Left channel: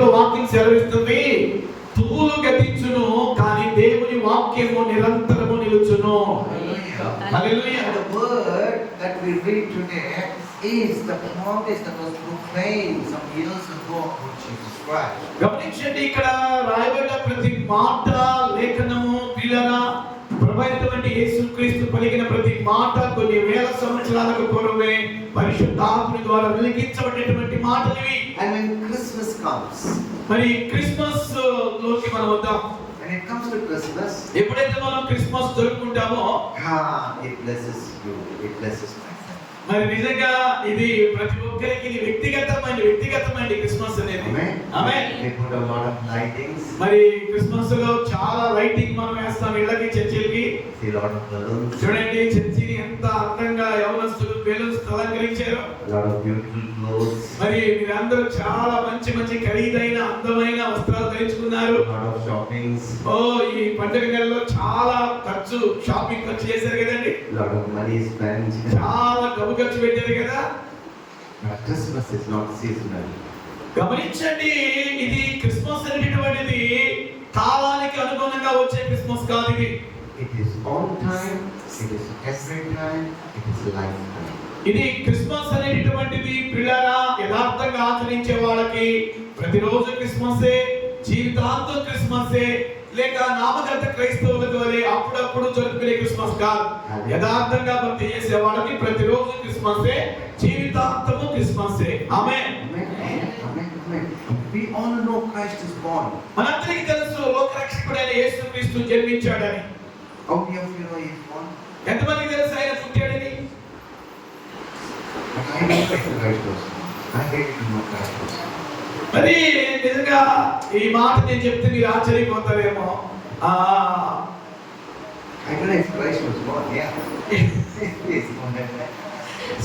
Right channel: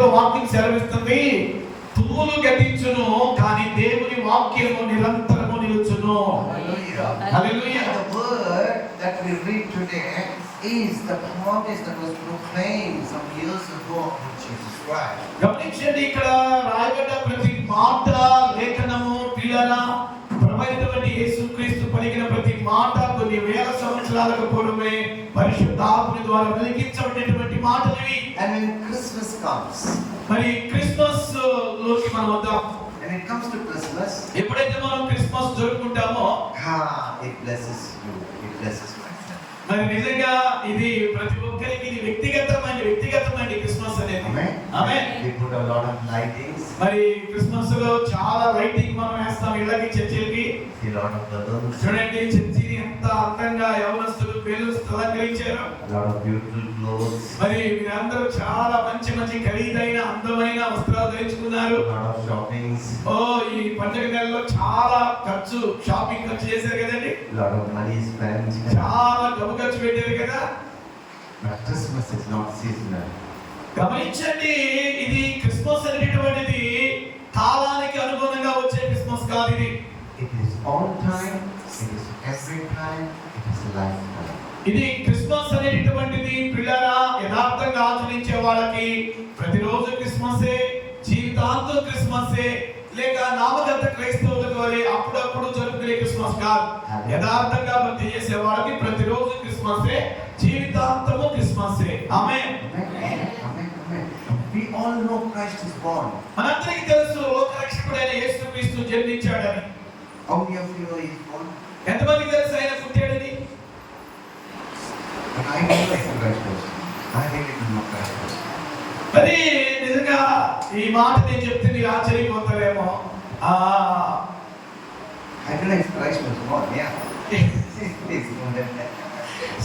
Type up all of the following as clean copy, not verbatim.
వాక్యం సెలవిస్తుంది, తుమ్ములు గతించును కానీ దేవుని వాక్యము నిరంతరము నిలుచును. Hallelujah. The word that we read today is the promise that was proclaimed some years ago about Jesus Christ. గమనించండి, ఇక్కడ రాయబడ్డ ప్రతి మాట లేఖనము పిల్లల ప్రభువైనటువంటి యేసుక్రీస్తు పలికిన ప్రతి మాట కొన్ని వేల సంవత్సరాలకు పూర్వమే పరిశుద్ధాత్మ ద్వారా వెలిగించబడినటువంటి మాటలు ఇవి. And when Christmas comes, మరి క్రిస్మస్ లోకి మనం వద్దాం. when it comes to Christmas, ఎప్పుడైతే మనం Christmas జరుపుకుంటామో it blesses you, it blesses my son. మరి నిజంగా ఇది ప్రతి ఒక్కరికి ఇది వ్యక్తిగతమైన క్రిస్మస్ అనేది. ఆమేన్. We put a lot of lightings. మరి క్రిస్మస్ లో చాలా లైటింగ్ మనం వేస్తాం, ఇళ్ళకి చర్చిలకి. See a lot of balloons. చూడండి చర్చిని ఎంత అందంగా యవనస్తులు బెలూన్స్ అలంకరించారు. A lot of beautiful clothes. మరి మీరందరూ చాలా మంచి ఖరీదైన అందమైన వస్త్రాలు ధరించుకున్నారు. A lot of shoppings. ఈ పండుగ నెలలో చాలా షాపింగ్ ఖర్చు చేశారు కదండి. A lot of money is spent. చాలా డబ్బు ఖర్చు పెట్టారు కదా. But Christmas is not seasonal. గమనించండి, ఇది క్రిస్మస్ అనేటువంటిది కాలానికి అనుగుణంగా వచ్చే క్రిస్మస్ కాదు. ఇది It is on time, it is every time, it is lifetime. ఇది క్రిస్మస్ అనేటువంటిది పిల్లరా యథార్థంగా ఆచరించే వాళ్ళకి ప్రతిరోజు క్రిస్మసే, జీవితాంతం క్రిస్మసే, లేక నామగత క్రైస్తవుల ద్వారా అప్పుడప్పుడు జరుపుకునే క్రిస్మస్ కాదు. యథార్థంగా భక్తి చేసే వాళ్ళకి ప్రతిరోజు క్రిస్మసే, జీవితాంతము క్రిస్మసే. ఆమేన్. We all know Christ is born. మనందరికీ తెలుసు లోకరక్షకుడైన యేసుక్రీస్తు జన్మించాడని. How many of you know he is born? ఎంతమందికి తెలుసు ఆయన పుట్టాడని? I know Christ was born. I really do know Christ was born. మరి నిజంగా ఈ మాట నేను చెప్తే మీరు ఆశ్చర్యపోతారేమో. I don't know if Christ was born. Yeah. Please go ahead.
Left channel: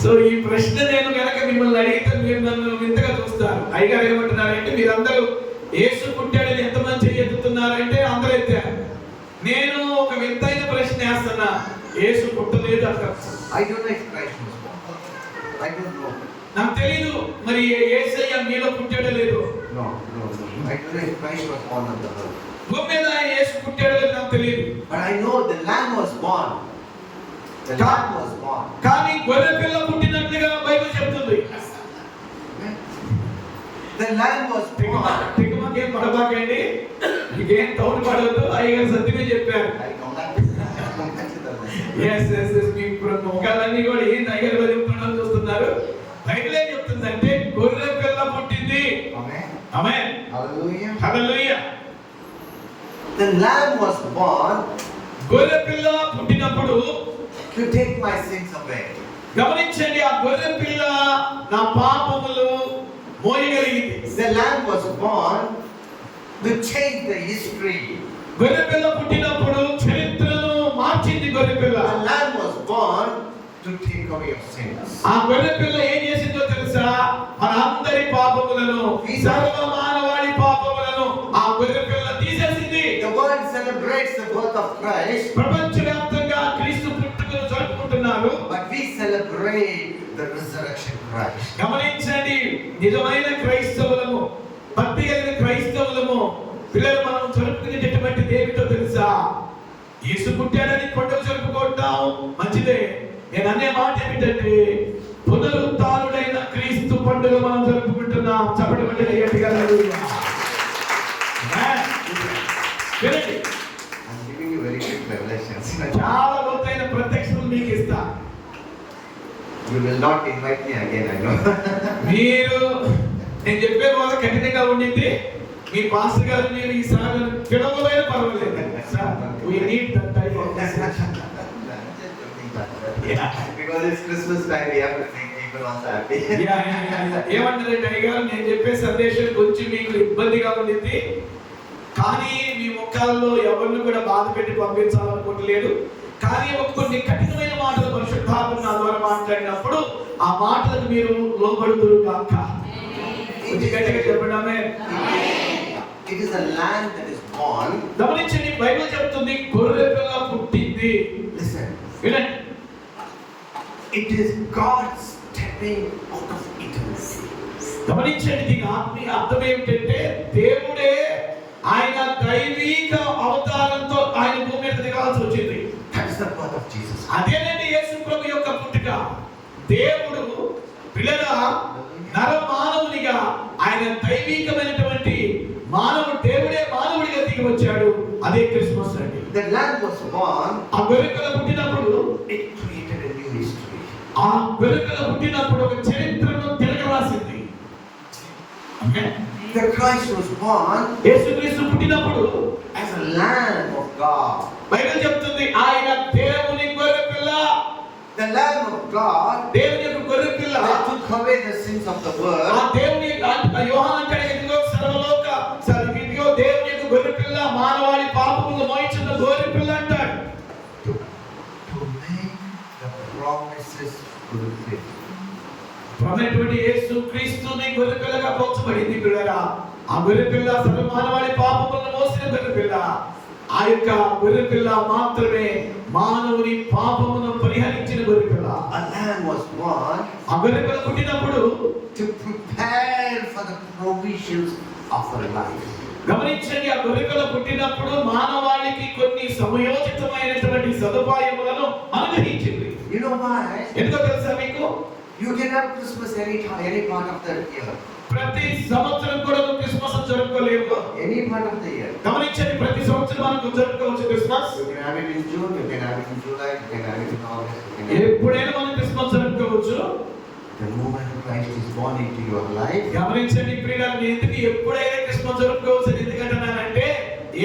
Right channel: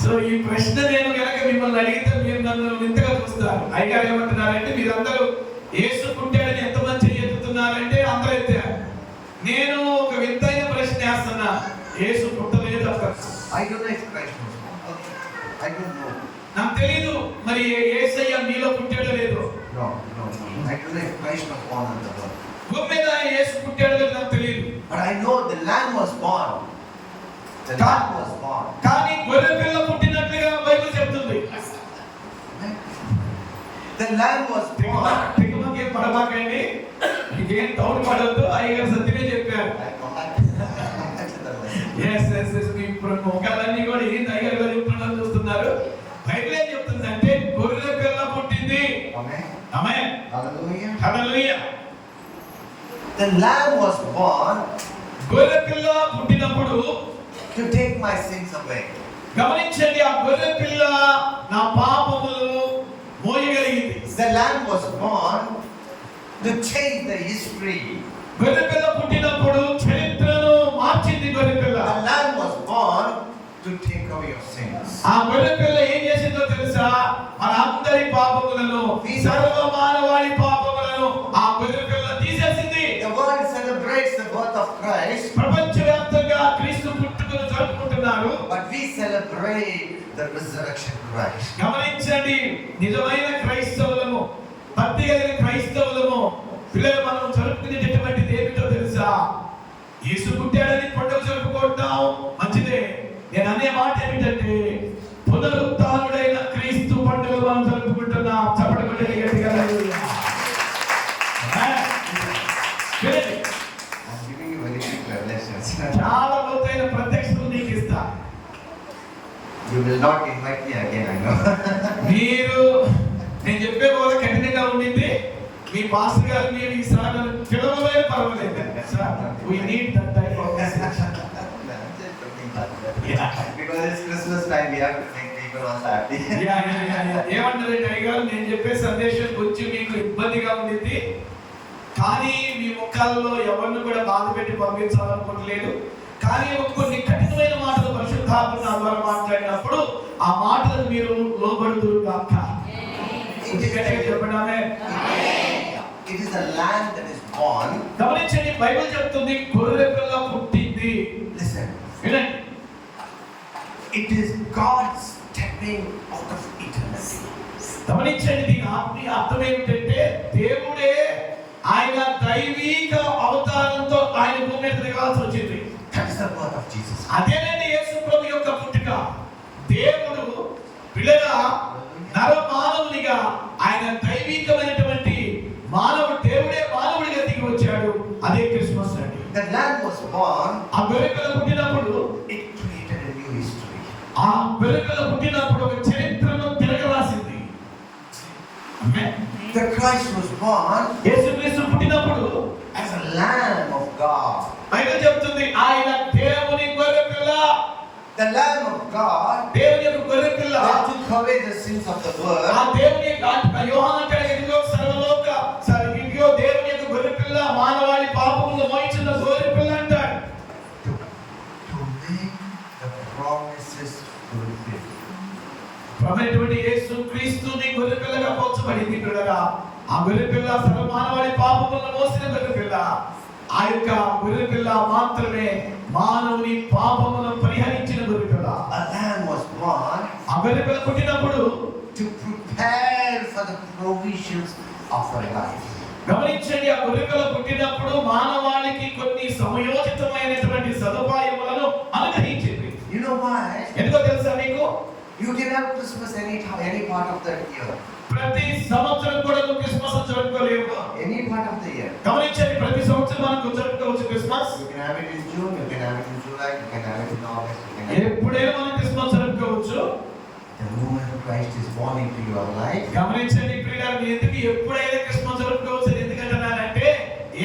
So ఈ ప్రశ్న నేను కనుక మిమ్మల్ని అడిగితే మీరు నన్ను వింతగా చూస్తారు. అయ్యగారు ఏమంటున్నారంటే మీరందరూ యేసు పుట్టాడని ఎంతమంది చెయ్యెత్తుతున్నారంటే అందరూ ఎత్తారు. నేను ఒక వింతైన ప్రశ్న వేస్తున్నా, యేసు పుట్టలేదు అక్కడ. I don't know if Christ was born. I don't know. నాకు తెలీదు మరి యేసయ్య మీలో పుట్టాడో లేదో. No. I don't know if Christ was born on the earth. భూమి మీద యేసు పుట్టాడో లేదో నాకు తెలీదు. But I know the Lamb was born. The Lamb was born. కానీ గొర్రె పిల్ల పుట్టినట్లుగా బైబిల్ చెప్తుంది. The Lamb was born. తికమకేం పడబాకండి, మీకేం తౌడు పడద్దు. అయ్యగారు సత్యమే చెప్పారు. మీ ముఖాలన్నీ కూడా ఏంటి అయ్యగారు చెప్తున్నారు చూస్తున్నారు. బైబిలే చెప్తుందంటే గొర్రె పిల్ల పుట్టింది. ఆమేన్. Hallelujah. Hallelujah. The Lamb was born గొర్రె పిల్ల పుట్టినప్పుడు to take my sins away. గమనించండి, ఆ గొర్రె పిల్ల నా పాపములు మోయగలిగింది. The Lamb was born to change the history. గొర్రె పిల్ల పుట్టినప్పుడు చరిత్రను మార్చింది గొర్రె పిల్ల. The Lamb was born to take away your sins. ఆ గొర్రె పిల్ల ఏం చేసిందో తెలుసా? మన అందరి పాపములను, సర్వ మానవాళి పాపములను ఆ గొర్రె పిల్ల తీసేసింది. The world celebrates the birth of Christ. ప్రపంచవ్యాప్తంగా క్రీస్తు పుట్టుకను జరుపుకుంటున్నారు. But we celebrate the resurrection Christ. గమనించండి, నిజమైన క్రైస్తవులము, భక్తి కలిగిన క్రైస్తవులము పిల్లలు మనం జరుపుకునేటటువంటిది ఏమిటో తెలుసా? యేసు పుట్టాడని పండుగ జరుపుకుంటాం, మంచిదే. నేను అనే మాట ఏమిటంటే పునరుత్థానుడైన క్రీస్తు పండుగ మనం జరుపుకుంటున్నాం. చప్పటి గట్టిగా హల్లెలూయా. I'm giving you very quick revelations. చాలా లోతైన ప్రత్యక్షతలు నీకు ఇస్తా. You will not invite me again, I know. మీరు నేను చెప్పే వాళ్ళు కఠినంగా ఉండింది. మీ పాస్టర్ గారు మీరు ఈ సాగలు పిలవలైన పర్వాలేదు. We need that type of message. Because it's Christmas time, we have to make people all happy. ఏమంటారంటే అయ్యగారు నేను చెప్పే సందేశం కొంచెం మీకు ఇబ్బందిగా ఉండింది, కానీ మీ ముఖాల్లో ఎవరిని కూడా బాధ పెట్టి పంపించాలనుకోవట్లేదు. కానీ కొన్ని కఠినమైన మాటలు పరిశుద్ధాత్మ నా ద్వారా మాట్లాడినప్పుడు ఆ మాటలకు మీరు లోబడుదురు గాక. కొంచెం గట్టిగా చెప్పండి. ఆమేన్. It is a lamb that is born. గమనించండి, బైబిల్ చెప్తుంది గొర్రె పిల్ల పుట్టింది. Listen. వినండి. It is God stepping out of eternity. గమనించండి, దీని ఆత్మీయ అర్థం ఏమిటంటే దైవికమైనటువంటి దేవుడే మానవుడిగా దిగి వచ్చాడు. అదే క్రిస్మస్ అండి. The Lamb was born. ఆ గొర్రెపిల్ల పుట్టినప్పుడు It created a new history. ఆ గొర్రెపిల్ల పుట్టినప్పుడు ఒక చరిత్రను తిరగరాసింది. ఆమేన్. The Christ was born యేసుక్రీస్తు పుట్టినప్పుడు as a Lamb of God. Bible చెప్తుంది ఆయన దేవుని గొర్రెపిల్ల. The Lamb of God దేవుని యొక్క గొర్రెపిల్ల that took away the sins of the ఆ world. దేవుని యోహాను అంటాడు, ఇదిగో ఇదిగో దేవుని యొక్క గొర్రెపిల్ల, మానవాళి పాపములను మోయించిన గొర్రెపిల్ల అంటాడు. To make the promises fulfilled. ప్రభువైనటువంటి యేసుక్రీస్తుని గొర్రెపిల్లగా పోల్చబడింది పిల్లరా. ఆ గొర్రెపిల్ల సర్వ మానవాళి పాపములను మోసిన గొర్రెపిల్ల. ఆ యొక్క గొర్రెపిల్ల మాత్రమే మానవుని పాపములను పరిహరించిన గొర్రెపిల్ల. A lamb was born ఆ గొర్రెపిల్ల పుట్టినప్పుడు to prepare for the provisions of a life. గమనించండి, ఆ గొర్రెపిల్ల పుట్టినప్పుడు మానవాళికి కొన్ని సమయోచితమైనటువంటి సదుపాయములను అనుగ్రహించింది. You know why? ఎందుకో తెలుసా మీకు? You can have Christmas any part of the year. ప్రతి సంవత్సరం కూడా క్రిస్మస్ జరుపుకోలేము. Any part of the year. గమనించండి, ప్రతి సంవత్సరం మనకు జరుపుకోవచ్చు Christmas. You can have it in June, you can have it in July, you can have it in August. You can have it. ఎప్పుడైనా మనం Christmas జరుపుకోవచ్చు. The moment Christ is born into your life, గమనించండి ప్రియులారా, ఎందుకు ఎప్పుడైనా Christmas జరుపుకోవచ్చు ఎందుకంటున్నానంటే,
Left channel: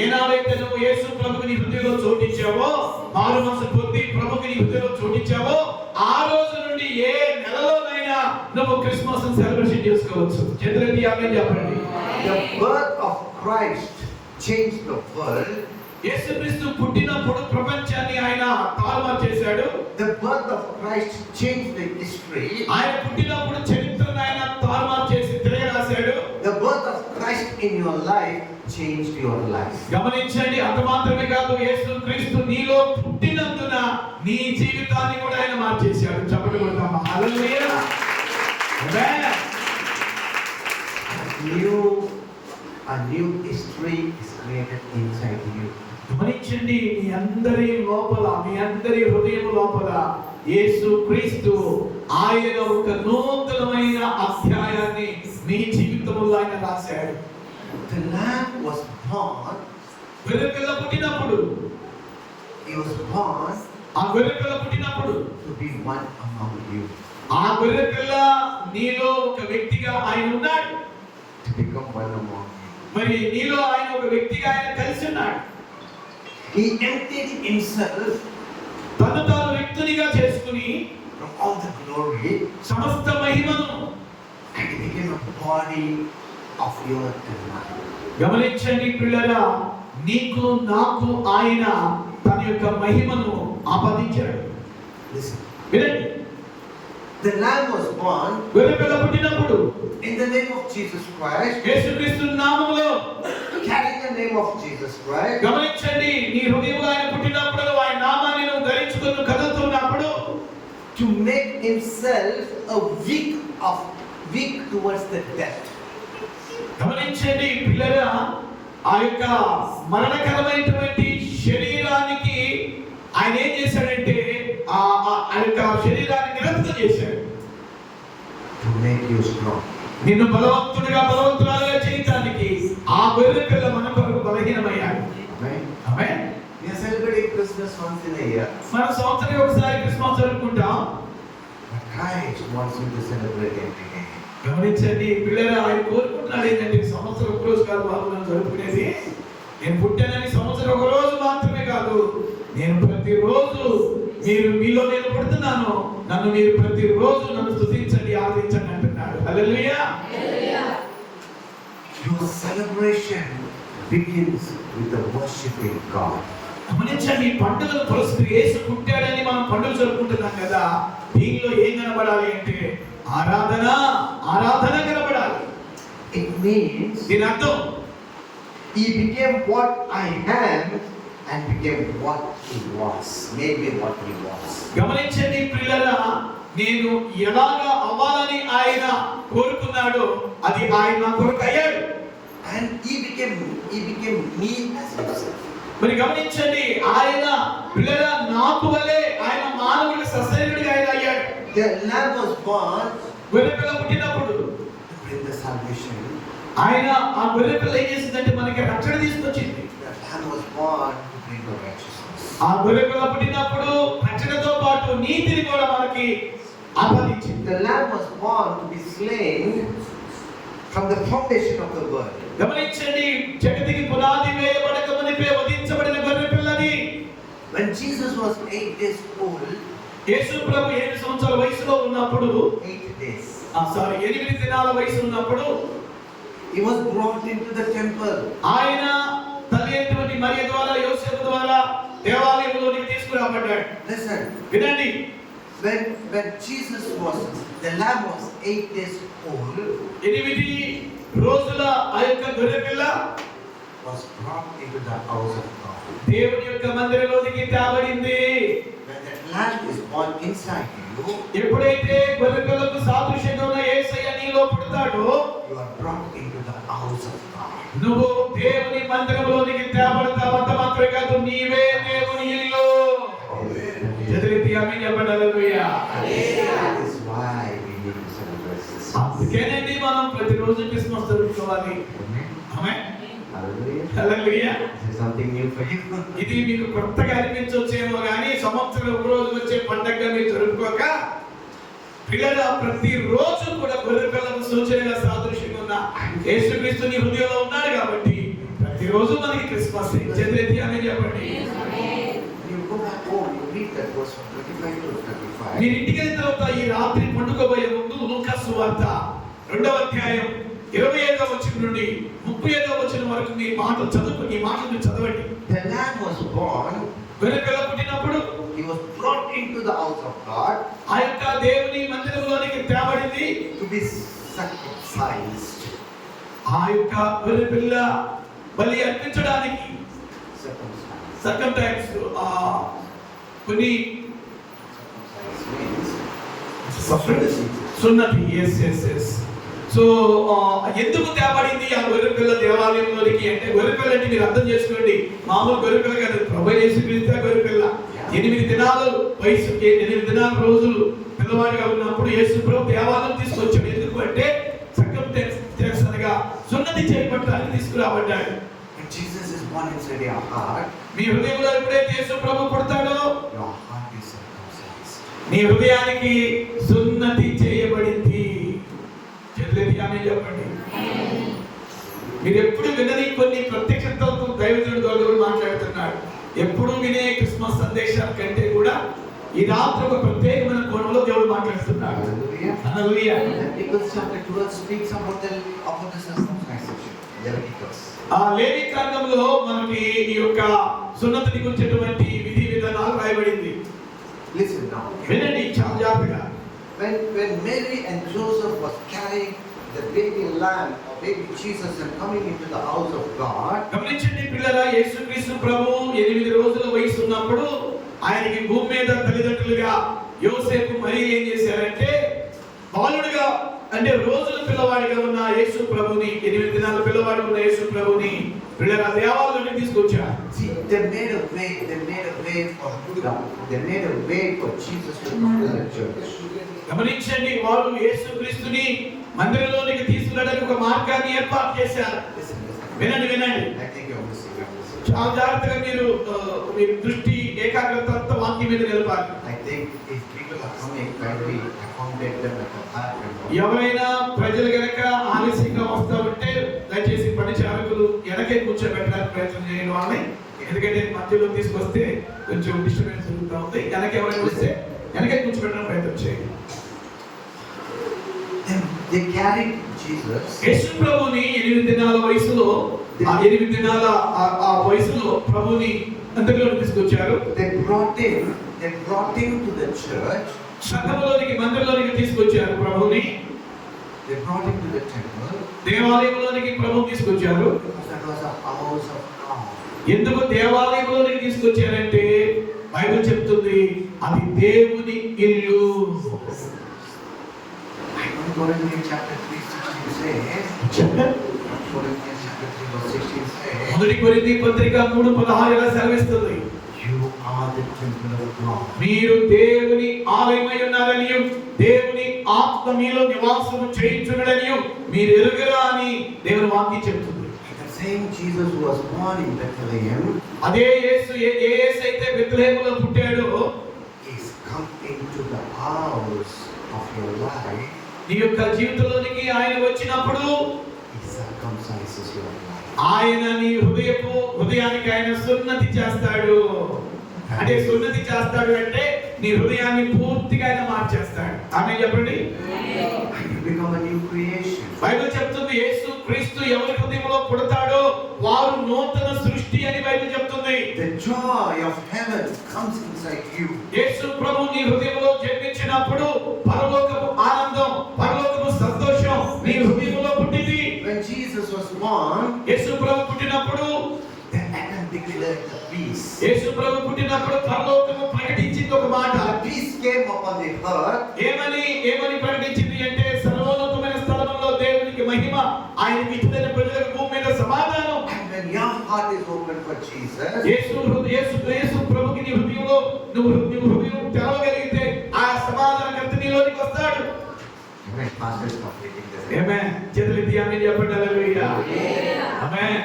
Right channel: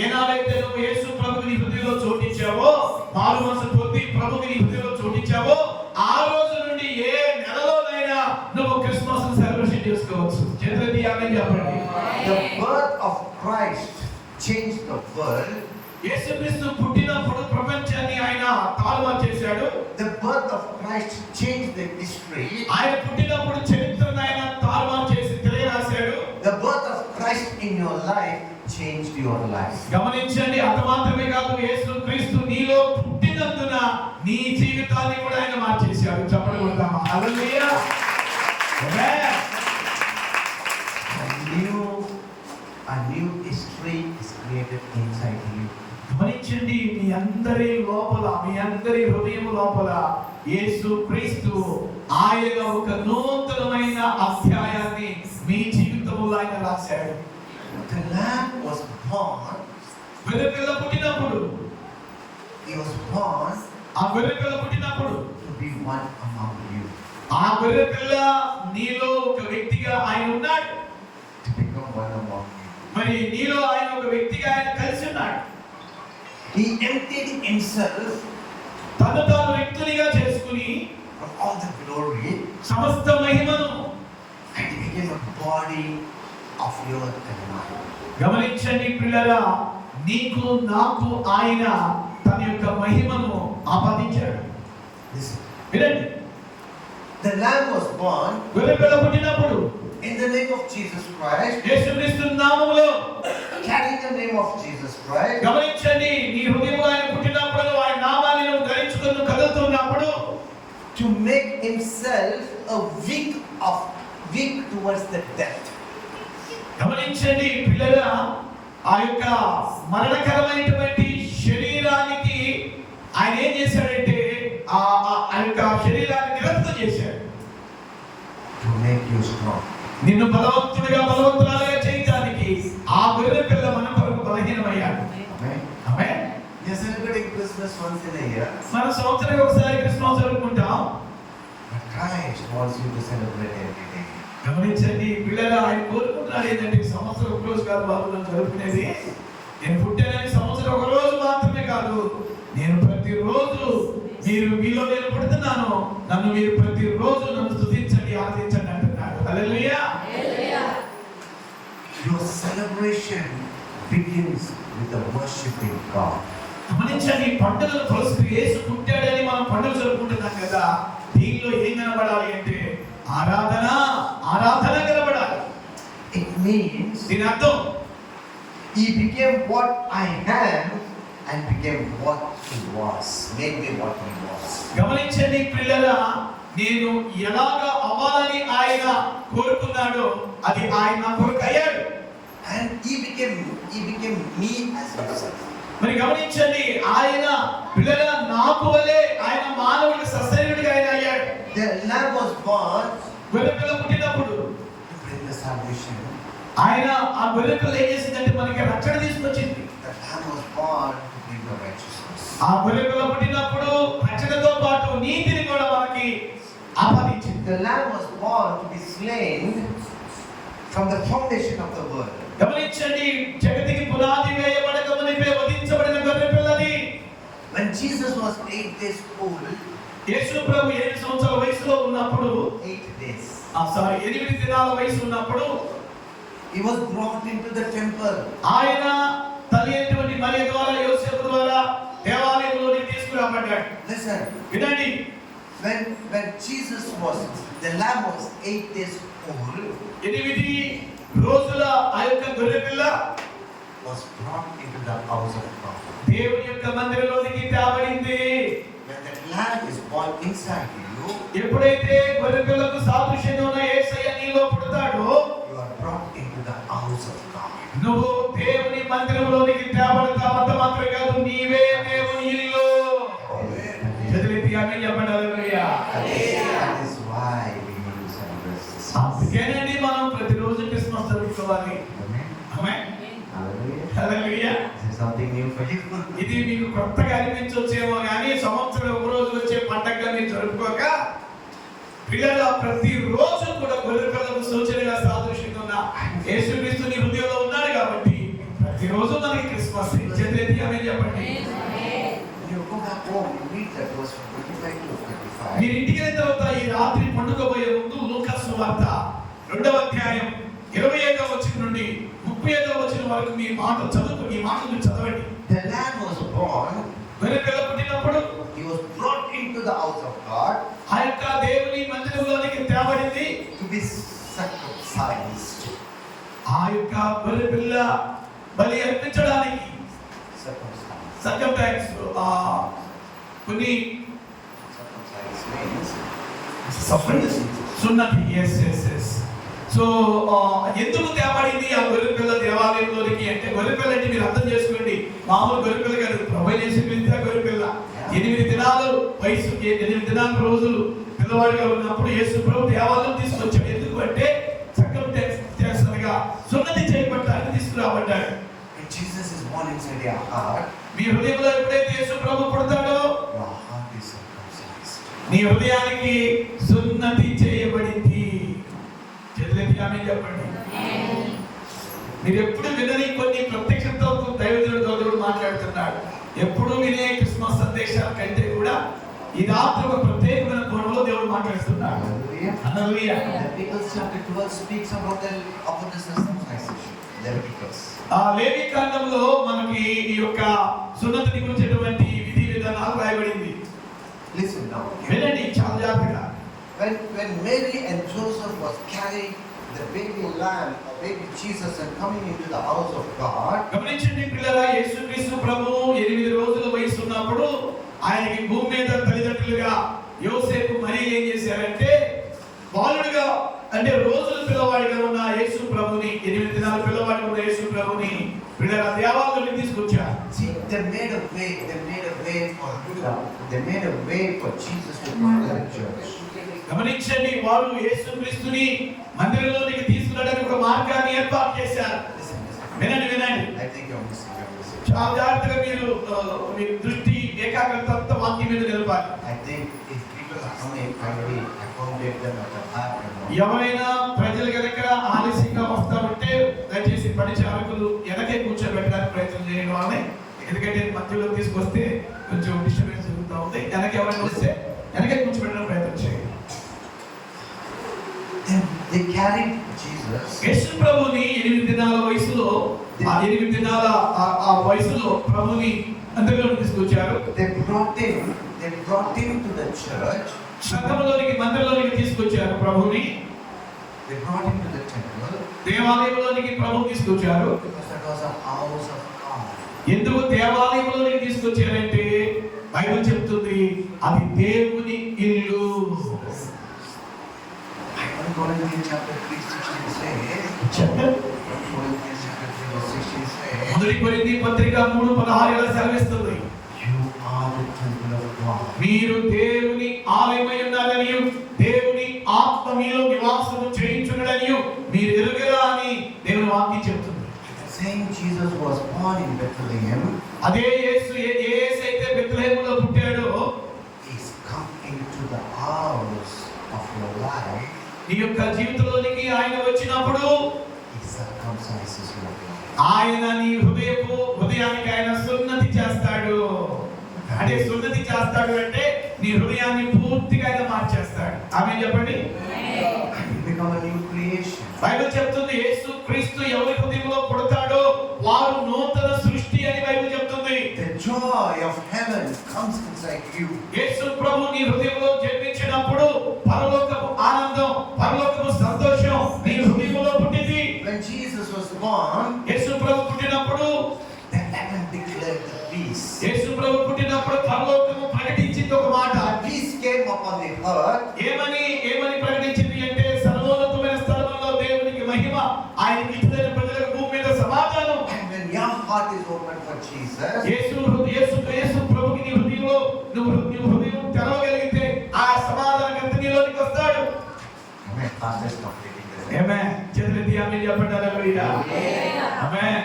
ఏనాడైతే నువ్వు యేసు ప్రభువుని నీ హృదయంలో చోటించావో, మారు మనసు పొంది ప్రభువుని నీ హృదయంలో చోటించావో, ఆ రోజు నుండి ఏ నెలలోనైనా నువ్వు క్రిస్మస్ సెలబ్రేషన్ చేసుకోవచ్చు. చేతులెత్తి ఆమేన్ చెప్పండి. the birth of Christ changed the world. యేసుక్రీస్తు పుట్టినప్పుడు ప్రపంచాన్ని ఆయన తారుమారు చేశాడు. The birth of Christ changed the history. ఆయన పుట్టినప్పుడు చరిత్రను ఆయన తారుమారు చేసి తిరగరాశాడు. The birth of Christ in your life changed your life. గమనించండి, అంత మాత్రమే కాదు, యేసుక్రీస్తు నీలో పుట్టినందున నీ జీవితాన్ని కూడా ఆయన మార్చేశాడు. చెప్పండి కొడతామా? హల్లెలూయా. ఆమేన్. A new history is created inside you. గమనించండి, మీ అందరి లోపల, మీ అందరి హృదయం లోపల యేసుక్రీస్తు ఆయన ఒక నూతనమైన అధ్యాయాన్ని మీ జీవితంలో ఆయన రాశాడు. The Lamb was born. గొర్రెపిల్ల పుట్టినప్పుడు, He was born ఆ గొర్రెపిల్ల పుట్టినప్పుడు to be one among you, ఆ గొర్రెపిల్ల నీలో ఒక వ్యక్తిగా ఆయన ఉన్నాడు. to become one among you. మరి నీలో ఆయన ఒక వ్యక్తిగా ఆయన కలిసి ఉన్నాడు. He emptied himself తను తాను వ్యక్తునిగా చేసుకుని from all the glory సమస్త మహిమను and he became a body of your and mine. గమనించండి పిల్లరా, నీకు నాకు ఆయన తన యొక్క మహిమను ఆపాదించాడు. Listen. వినండి, The Lamb was born గొర్రెపిల్ల పుట్టినప్పుడు in the name of Jesus Christ, యేసుక్రీస్తు నామములో, carrying the name of Jesus Christ. గమనించండి, నీ హృదయంలో ఆయన పుట్టినప్పుడు, ఆయన నామాన్ని నువ్వు ధరించుకుని కదులుతున్నప్పుడు, To make himself a weak towards the death. గమనించండి పిల్లరా, ఆ యొక్క మరణకరమైనటువంటి శరీరానికి ఆయన ఏం చేశాడంటే ఆ యొక్క శరీరాన్ని నిరంతరం చేశాడు. To make you strong. నిన్ను బలవంతురాలుగా చేయడానికి ఆ గొర్రె పిల్ల మన కొరకు బలహీనమయ్యాడు. Amen. Amen. We are celebrating Christmas once in a year. మన సంవత్సరానికి ఒకసారి క్రిస్మస్ జరుపుకుంటాం. But Christ wants you to celebrate every day. గమనించండి పిల్లలు, ఆయన కోరుకుంటున్నాడు ఏంటంటే, సంవత్సరం ఒక రోజు కాదు బాబు మనం జరుపుకునేది. నేను పుట్టానని సంవత్సరం ఒక రోజు మాత్రమే కాదు, నేను ప్రతిరోజు మీలో నేను పుడుతున్నాను, నన్ను మీరు ప్రతిరోజు నన్ను స్తుతించండి, ఆరాధించండి అంటున్నాడు. హల్లెలూయా. Your celebration begins with the worshiping God. గమనించండి, పండుగలు పురస్కరించి యేసు పుట్టాడని మనం పండుగ జరుపుకుంటున్నాం కదా, దీనిలో ఏం కనబడాలి అంటే ఆరాధన కనబడాలి. It means దీని అర్థం, he became what I am and became what he was. Made me what he was. గమనించండి పిల్లరా, నేను ఎలాగా అవ్వాలని ఆయన కోరుకున్నాడో అది ఆయన నా కొరకు అయ్యాడు. And he became me as himself. మరి గమనించండి, ఆయన పిల్లరా నాకు వలే ఆయన మానవుడికి సశరీరుడిగా ఆయన అయ్యాడు. The Lamb was born గొర్రెపిల్ల పుట్టినప్పుడు to bring the salvation ఆయన ఆ గొర్రె పిల్ల ఏం చేసిందంటే మనకి రక్షణ తీసుకొచ్చింది. That lamb was born to bring the righteousness. ఆ గొర్రె పిల్ల పుట్టినప్పుడు రక్షణతో పాటు నీతిని కూడా మనకి ఆపాదించింది. The lamb was born to be slain from the foundation of the world. గమనించండి, జగతికి పునాది వేయబడక మునిపే వధించబడిన గొర్రె పిల్లది. When Jesus was 8 days old, యేసు ప్రభు 8 సంవత్సరాల వయసులో ఉన్నప్పుడు 8 days, 8 దినాల వయసు ఉన్నప్పుడు he was brought into the temple. ఆయన తల్లి అయినటువంటి మరియ ద్వారా యోసేపు ద్వారా దేవాలయంలోకి తీసుకురాబడ్డాడు. Listen, వినండి, when Jesus was, the lamb was 8 days old, 8 రోజుల ఆ యొక్క గొర్రె పిల్ల was brought into the house of God. దేవుని యొక్క మందిరంలోకి తేబడింది. When that lamb is born inside you, ఎప్పుడైతే గొర్రె పిల్లకు సాదృశ్యంగా ఉన్న యేసయ్య నీలో పుడతాడో, you are brought into the house of God. నువ్వు దేవుని మందిరంలోకి తేబడతావు. అంత మాత్రమే కాదు, నీవే దేవుని ఇల్లు. చదివితే ఆమేన్ చెప్పండి. హల్లెలూయా. That is why we need to celebrate this. అందుకేనండి మనం ప్రతిరోజు క్రిస్మస్ జరుపుకోవాలి. Amen. Amen. Hallelujah. Hallelujah. This is something new for you. ఇది మీకు కొత్తగా అనిపించొచ్చేమో కానీ సంవత్సరం ఒక రోజు వచ్చే పండగగా మీరు జరుపుకోక పిల్లల ప్రతిరోజు కూడా గొర్రె పిల్లకు సూచనగా సాదృశ్యంగా ఉన్న యేసుక్రీస్తు నీ హృదయంలో ఉన్నాడు కాబట్టి ప్రతిరోజు మనకి క్రిస్మస్. చదివేది ఆమేన్ చెప్పండి. When you go back home, you read that verse from 25 to 35. మీరు ఇంటికి వెళ్ళిన తర్వాత ఈ రాత్రి పండుకోబోయే ముందు లూకా సువార్త 2వ అధ్యాయం 27వ వచనం నుండి 35వ వచనం వరకు మీ మాటలు చదవండి. The lamb was born, గొర్రె పిల్ల పుట్టినప్పుడు he was brought into the house of God ఆ యొక్క దేవుని మందిరంలోనికి తేబడింది. to be circumcised. ఆ యొక్క గొర్రె పిల్ల బలి అర్పించడానికి Circumcised. సర్కంటాక్స్ కొన్ని Circumcised means సున్నతి. సో ఎందుకు తేబడింది ఆ గొర్రె పిల్ల దేవాలయంలోనికి అంటే, గొర్రె పిల్ల అంటే మీరు అర్థం చేసుకోండి, మామూలు గొర్రె పిల్ల కాదు. ప్రభువైన యేసుక్రీస్తు గొర్రె పిల్ల 8 దినాలు వయసు, 8 దినాల రోజులు పిల్లవాడిగా ఉన్నప్పుడు యేసు ప్రభు దేవాలయం తీసుకొచ్చాడు. ఎందుకు అంటే సర్కంటాక్స్ అనగా సున్నతి చేయబడటానికి తీసుకురాబడ్డాడు. when Jesus is born inside your heart, మీ హృదయంలో ఎప్పుడైతే యేసు ప్రభు పుడతాడో your heart is circumcised. నీ హృదయానికి సున్నతి చేయబడింది. చదివేది ఆమేన్ చెప్పండి. మీరు ఎప్పుడు వినని కొన్ని ప్రత్యక్షతలకు దైవజనుడు దేవుడు మాట్లాడుతున్నాడు. ఎప్పుడు వినే క్రిస్మస్ సందేశాల కంటే కూడా ఈ రాత్రి ఒక ప్రత్యేకమైన కోణంలో దేవుడు మాట్లాడుతున్నాడు. Hallelujah. Hallelujah. Leviticus chapter 12 speaks about the circumcision. Leviticus. ఆ లేవి కాండంలో మనకి ఈ యొక్క సున్నతిని గురించినటువంటి విధి విధానాలు రాయబడింది. Listen now. వినండి చాలా జాగ్రత్తగా. When Mary and Joseph was carrying the baby lamb or baby Jesus and coming into the house of God, గమనించండి పిల్లరా, యేసుక్రీస్తు ప్రభు 8 రోజుల వయసు ఉన్నప్పుడు ఆయనకి భూమి మీద తల్లిదండ్రులుగా యోసేపు మరియ ఏం చేశారంటే, బాలుడుగా అంటే రోజుల పిల్లవాడిగా ఉన్న యేసు ప్రభుని, 8 దినాల పిల్లవాడిగా ఉన్న యేసు ప్రభుని పిల్లల దేవాలయానికి తీసుకొచ్చారు. see, they made a way for Jesus to come to the church. గమనించండి, వారు యేసుక్రీస్తుని మందిరంలోనికి తీసుకురావడానికి ఒక మార్గాన్ని ఏర్పాటు చేశారు. Listen. వినండి. I think you're missing. చాలా జాగ్రత్తగా మీరు దృష్టి ఏకాగ్రత వాక్యం మీద నిలపాలి. I think if people are coming, try to accommodate them at the back. ఎవరైనా ప్రజలు గనక ఆలస్యంగా వస్తా ఉంటే దయచేసి పరిచారకులు వెనకే కూర్చోబెట్టడానికి ప్రయత్నం చేయండి వాళ్ళని. ఎందుకంటే మధ్యలో తీసుకొస్తే కొంచెం డిస్టర్బెన్స్ జరుగుతూ ఉంది. వెనక ఎవరైనా వస్తే వెనకే కూర్చోబెట్టడానికి ప్రయత్నం చేయండి. They carried Jesus. యేసు ప్రభుని 8 దినాల వయసులో, ఆ 8 దినాల ఆ వయసులో ప్రభుని మందిరంలోకి తీసుకొచ్చారు. They brought him to the church. సంఘంలోనికి మందిరంలోనికి తీసుకొచ్చారు ప్రభుని. They brought him to the temple. దేవాలయంలోనికి ప్రభుని తీసుకొచ్చారు. Because that was a house of God. ఎందుకు దేవాలయంలోనికి తీసుకొచ్చారంటే బైబిల్ చెప్తుంది అది దేవుని ఇల్లు. Corinthians chapter 3:16 says. Corinthians chapter 3:16 says. మొదటి కొరింథీ పత్రిక 3:16 ఇలా సెలవిస్తుంది, You are the temple of God. మీరు దేవుని ఆలయమై ఉన్నారని, దేవుని ఆత్మ మీలో నివాసము చేయించునని మీరు ఎరుగరా అని దేవుని చెప్తుంది. The same Jesus was born in Bethlehem అదే యేసు ఏ యేసు అయితే బెత్లెహేములో పుట్టాడో is come into the house of your life. నీ యొక్క జీవితంలోనికి ఆయన వచ్చినప్పుడు He circumcises your life. ఆయన నీ హృదయానికి ఆయన సున్నతి చేస్తాడు. అంటే సున్నతి చేస్తాడు అంటే నీ హృదయాన్ని పూర్తిగా ఆయన మార్చేస్తాడు. ఆమేన్ చెప్పండి. You become a new creation. Bible చెప్తుంది యేసు క్రీస్తు ఎవరి హృదయంలో పుడతాడో వారు నూతన సృష్టి అని బైబిల్ చెప్తుంది. The joy of heaven comes inside you. యేసు ప్రభు నీ హృదయంలో జన్మించినప్పుడు పరలోకపు ఆనందం, పరలోకపు సంతోషం నీ హృదయంలో పుట్టింది. When Jesus was born, యేసు ప్రభు పుట్టినప్పుడు the heaven declared the peace. యేసు ప్రభు పుట్టినప్పుడు పరలోకము ప్రకటించింది ఒక మాట. The peace came upon the earth. ఏమని ప్రకటించింది అంటే సర్వోన్నతమైన స్థలములో దేవునికి మహిమ, ఆయనకి ఇష్టమైన ప్రజలకు భూమి మీద సమాధానం. And when your heart is open for Jesus, యేసు ప్రభుకి నీ హృదయంలో నువ్వు హృదయం తెరవగలిగితే ఆ సమాధానకర్త నీలోనికి వస్తాడు. amen. Pastor is completing this. ఆమేన్. చేతులెత్తి ఆమేన్ చెప్పండి. హల్లెలూయా. ఆమేన్.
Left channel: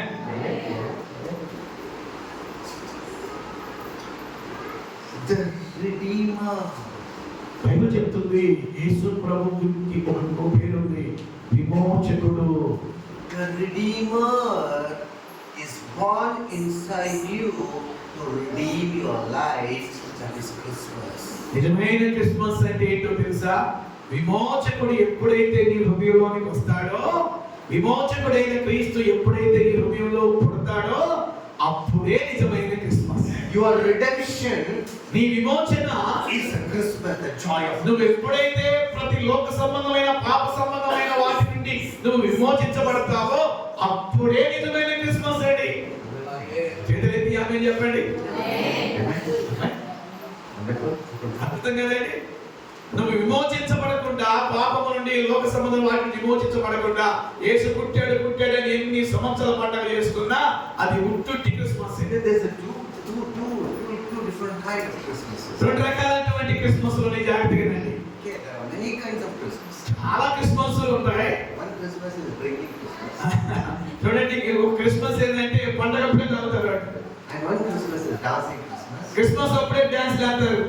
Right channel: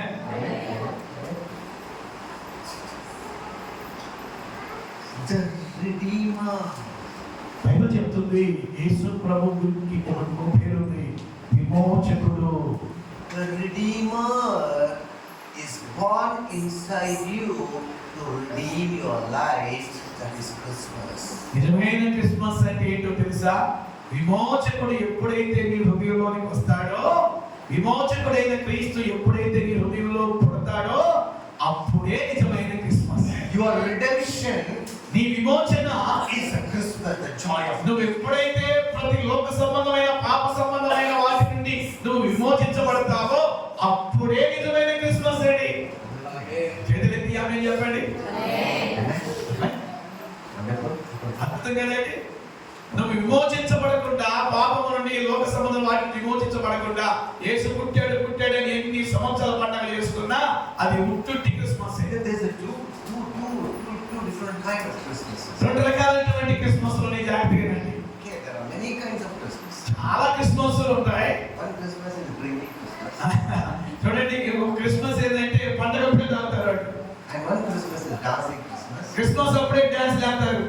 The Redeemer. బైబిల్ చెప్తుంది యేసు ప్రభువుకి ఒక పేరు ఉంది, విమోచకుడు. The Redeemer is born inside you to redeem your life. That is Christmas. నిజమైన క్రిస్మస్ అంటే ఏంటో తెలుసా? విమోచకుడు ఎప్పుడైతే నీ హృదయంలోనికి వస్తాడో, విమోచకుడైన క్రీస్తు ఎప్పుడైతే నీ హృదయంలో పుడతాడో అప్పుడే నిజమైన క్రిస్మస్. Your redemption నీ విమోచన is a Christmas, the joy of. నువ్వు ఎప్పుడైతే ప్రతి లోక సంబంధమైన పాప సంబంధమైన వాటి నుండి నువ్వు విమోచించబడతావో అప్పుడే నిజమైన క్రిస్మస్ అండి. చేతులెత్తి ఆమేన్ చెప్పండి. అర్థం కదండి. నువ్వు విమోచించబడకుండా పాపము నుండి లోక సంబంధం వాటిని విమోచించబడకుండా యేసు పుట్టాడని ఎన్ని సంవత్సరాల పండుగ చేసుకున్నా అది ఉట్టుట్టి Christmas. There's a two different kind of Christmases. రెండు రకాలైనటువంటి క్రిస్మస్ లోనే జాగ్రత్తగానండి. Okay, there are many kinds of Christmas. చాలా క్రిస్మస్లు ఉంటాయి. One Christmas is bringing Christmas. చూడండి, ఒక క్రిస్మస్ ఏంటంటే పండుగ అప్పుడే తాగుతారు. And one Christmas is dancing Christmas. Christmas అప్పుడే డాన్స్ చేస్తారు.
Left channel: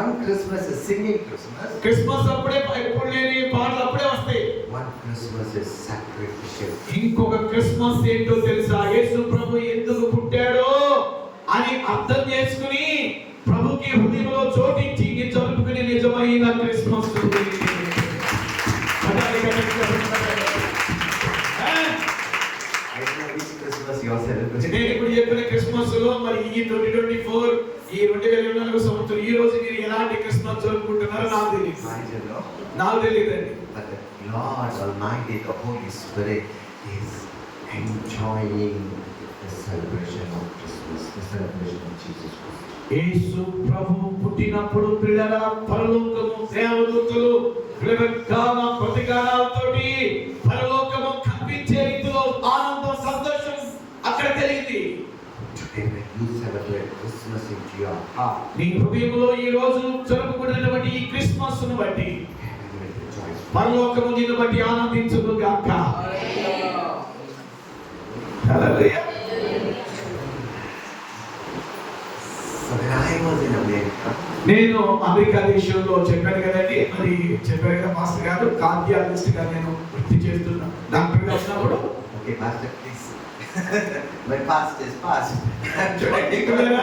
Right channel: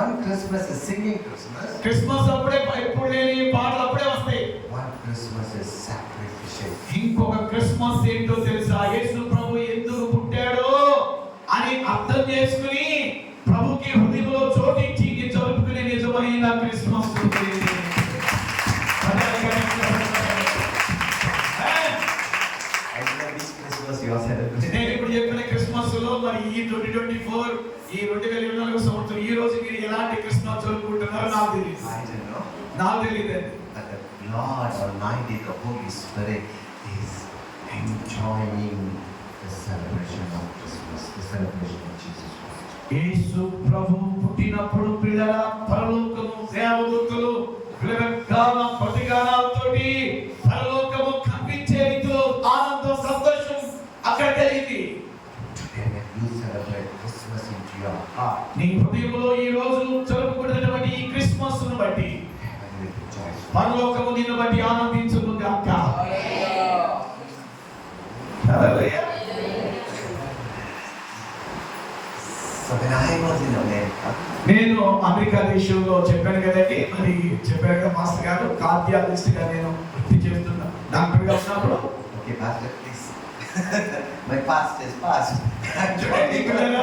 One Christmas is singing Christmas. Christmas అప్పుడే ఎప్పుడు లేని పాటలు అప్పుడే వస్తాయి. One Christmas is sacrificial. ఇంకొక క్రిస్మస్ ఏంటో తెలుసా? యేసు ప్రభు ఎందుకు పుట్టాడో అని అర్థం చేసుకుని ప్రభుకి హృదయంలో చోటించి జరుపుకునే నిజమైన Christmas. I know which Christmas you are celebrating. నేను ఇప్పుడు చెప్పిన క్రిస్మస్ లో మరి ఈ 2024 ఈ 2024 సంవత్సరం ఈ రోజు మీరు ఎలాంటి క్రిస్మస్ జరుపుకుంటున్నారో నాకు తెలియదు. I don't know. నాకు తెలియదండి. But the Lord Almighty, the Holy Spirit, is enjoying the celebration of Christmas, the celebration of Jesus Christ. యేసు ప్రభు పుట్టినప్పుడు పిల్లల పరలోకము దేవదూతలు విలగాన ప్రతిగానాలతోటి పరలోకము కంపించే రీతిలో ఆనందం సంతోషం అక్కడ కలిగింది. Today when you celebrate Christmas into your heart, నీ హృదయంలో ఈ రోజు జరుపుకున్నటువంటి ఈ క్రిస్మస్ ను బట్టి heaven will rejoice. పరలోకము నిన్ను బట్టి ఆనందించును గాక. హల్లెలూయా. So when I was in America, నేను అమెరికా దేశంలో చెప్పాను కదండి, మరి చెప్పారు కదా మాస్టర్ గారు, కార్డియాలజిస్ట్ గా నేను వృత్తి చేస్తున్నా. డాక్టర్ గా ఉన్నప్పుడు okay, Pastor, please. My past is past. చూడండి పిల్లలు,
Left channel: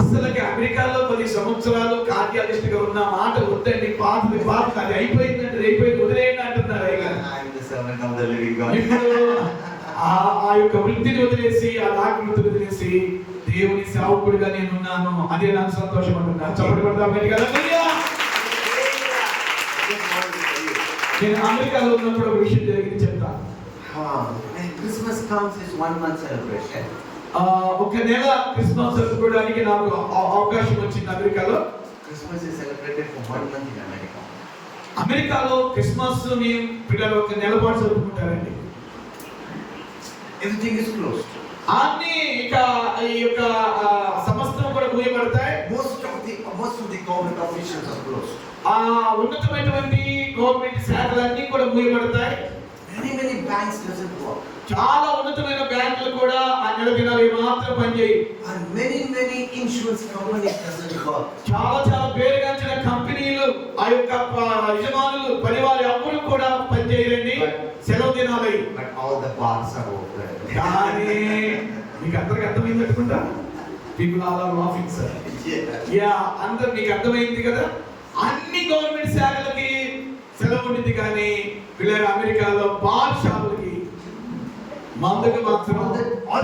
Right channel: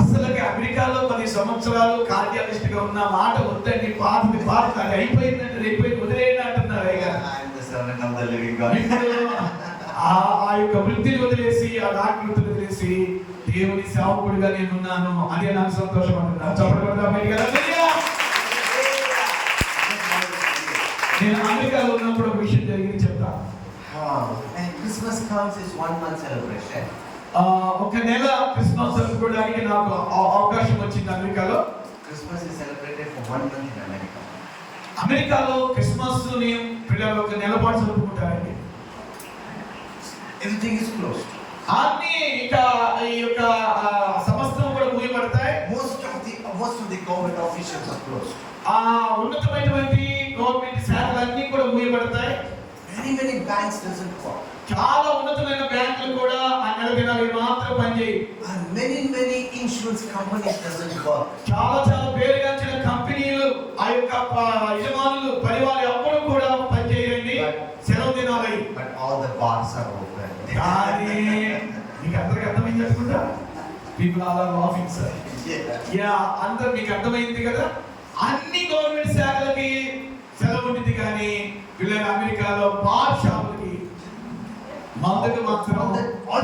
అసలుకి అమెరికాలో 10 సంవత్సరాలు కార్డియాలజిస్ట్ గా ఉన్న మాట వద్దండి, పాత అది అయిపోయిందంటే అయిపోయింది వదిలేయండి అంటున్నారు. I am the servant of the living God. ఇప్పుడు ఆ యొక్క వృత్తిని వదిలేసి, ఆ డాక్టర్ వృత్తిని వదిలేసి దేవుని సేవకుడిగా నేను ఉన్నాను. అదే నాకు సంతోషపడుతున్నాను. చెప్పబడతా నేను అమెరికాలో ఉన్నప్పుడు ఒక విషయం జరిగింది చెప్తాను. When Christmas comes, is 1 month celebration. ఒక నెల క్రిస్మస్ జరుపుకోవడానికి నాకు అవకాశం వచ్చింది అమెరికాలో. Christmas is celebrated for 1 month in America. అమెరికాలో క్రిస్మస్ ని పిల్లలు ఒక నెల పాటు జరుపుకుంటారండి. Everything is closed. అన్ని ఇక ఈ యొక్క సమస్తం కూడా మూయబడతాయి. Most of the government officials are closed. ఉన్నతమైనటువంటి గవర్నమెంట్ శాఖలన్నీ కూడా మూయబడతాయి. Many banks doesn't work. చాలా ఉన్నతమైన బ్యాంకులు కూడా ఆ నెల దినాలు మాత్రం పనిచేయి. And many insurance companies doesn't work. చాలా పేరుగాంచిన కంపెనీలు ఆ యొక్క యజమానులు పనివారు ఎవ్వరూ కూడా పనిచేయరండి సెలవు దినాలై. But all the bars are open. కానీ మీకు అందరికి అర్థమైంది అనుకుంటా. People are laughing sir. Yeah, అందరు మీకు అర్థమైంది కదా. అన్ని గవర్నమెంట్ శాఖలకి సెలవు ఉంటుంది కానీ వీళ్ళ అమెరికాలో బార్ షాపులకి మందుకు మాత్రం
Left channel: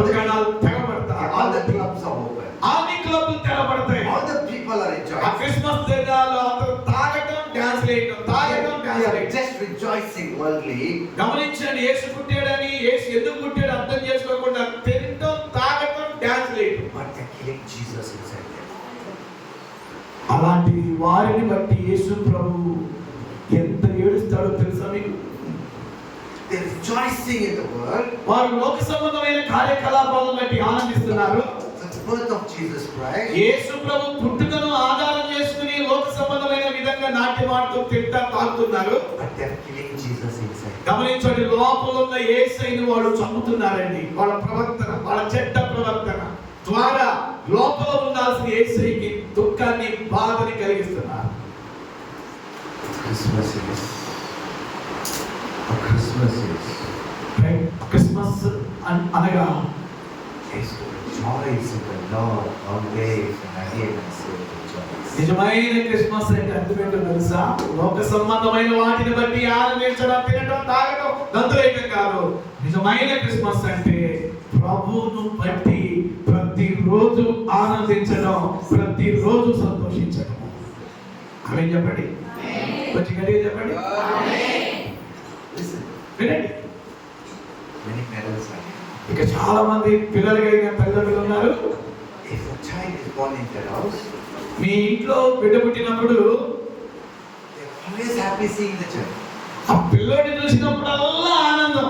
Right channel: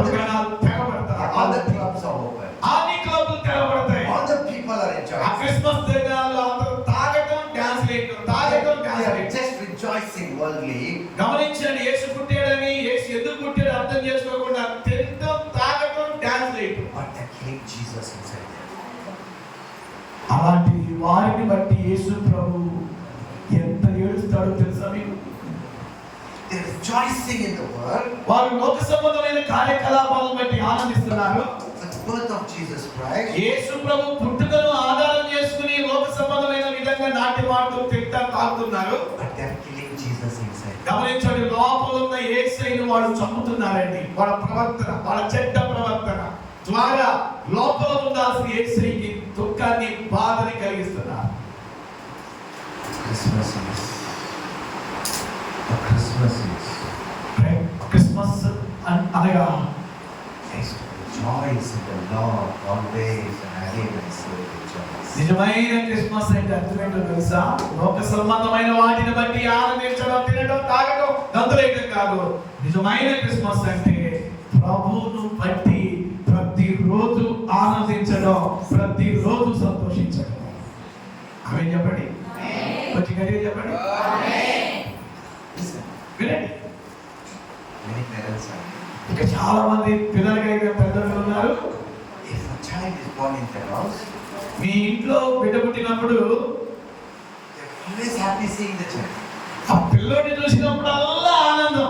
దుకాణాలు తెగబడతాయి. All the clubs are open. అన్ని క్లబ్లు తెగబడతాయి. All the people are ఆ enjoying. క్రిస్మస్ దినాల్లో అందరూ తాగటం డాన్స్ వేయటం, తాగటం డాన్స్ They are వేయటం. just rejoicing worldly. గమనించండి, యేసు పుట్టాడని, యేసు ఎందుకు పుట్టాడు అర్థం చేసుకోకుండా తినటం, తాగటం, డాన్స్ వేయటం. But they're killing Jesus inside them. అలాంటి వారిని బట్టి యేసు ప్రభు ఎంత ఏడుస్తాడో తెలుసా మీకు? They're rejoicing in the world. వారు లోక సంబంధమైన కార్యకలాపాలను బట్టి ఆనందిస్తున్నారు. The birth of Jesus Christ. యేసు ప్రభు పుట్టుకను ఆధారం చేసుకుని లోక సంబంధమైన విధంగా నాట్యమాడుతూ తింటా తాగుతున్నారు. But they're killing Jesus inside. గమనించండి, లోపల ఉన్న యేసయ్యను వాడు చంపుతున్నారండి. వాళ్ళ ప్రవర్తన, వాళ్ళ చెడ్డ ప్రవర్తన ద్వారా లోపల ఉండాల్సిన యేసయ్యకి దుఃఖాన్ని, బాధని కలిగిస్తున్నారు. Christmas is. Christmas is. Christmas అనగా Is to rejoice in the Lord always and again I say rejoice. నిజమైన క్రిస్మస్ అంటే అర్థం ఏంటో తెలుసా? లోక సంబంధమైన వాటిని బట్టి ఆనందించడం, తినడం, తాగడం, గంతులేయడం కాదు. నిజమైన క్రిస్మస్ అంటే ప్రభువును బట్టి ప్రతిరోజు ఆనందించడం, ప్రతిరోజు సంతోషించడం. ఆమేన్ చెప్పండి. కొంచెం గట్టిగా చెప్పండి. Listen, వినండి. many parents are. ఇక చాలా మంది పిల్లలు కలిగిన తల్లిదండ్రులు ఉన్నారు. If a child is born in their house, మీ ఇంట్లో బిడ్డ పుట్టినప్పుడు they're always happy seeing the child. ఆ పిల్లోడిని చూసినప్పుడల్లా ఆనందం.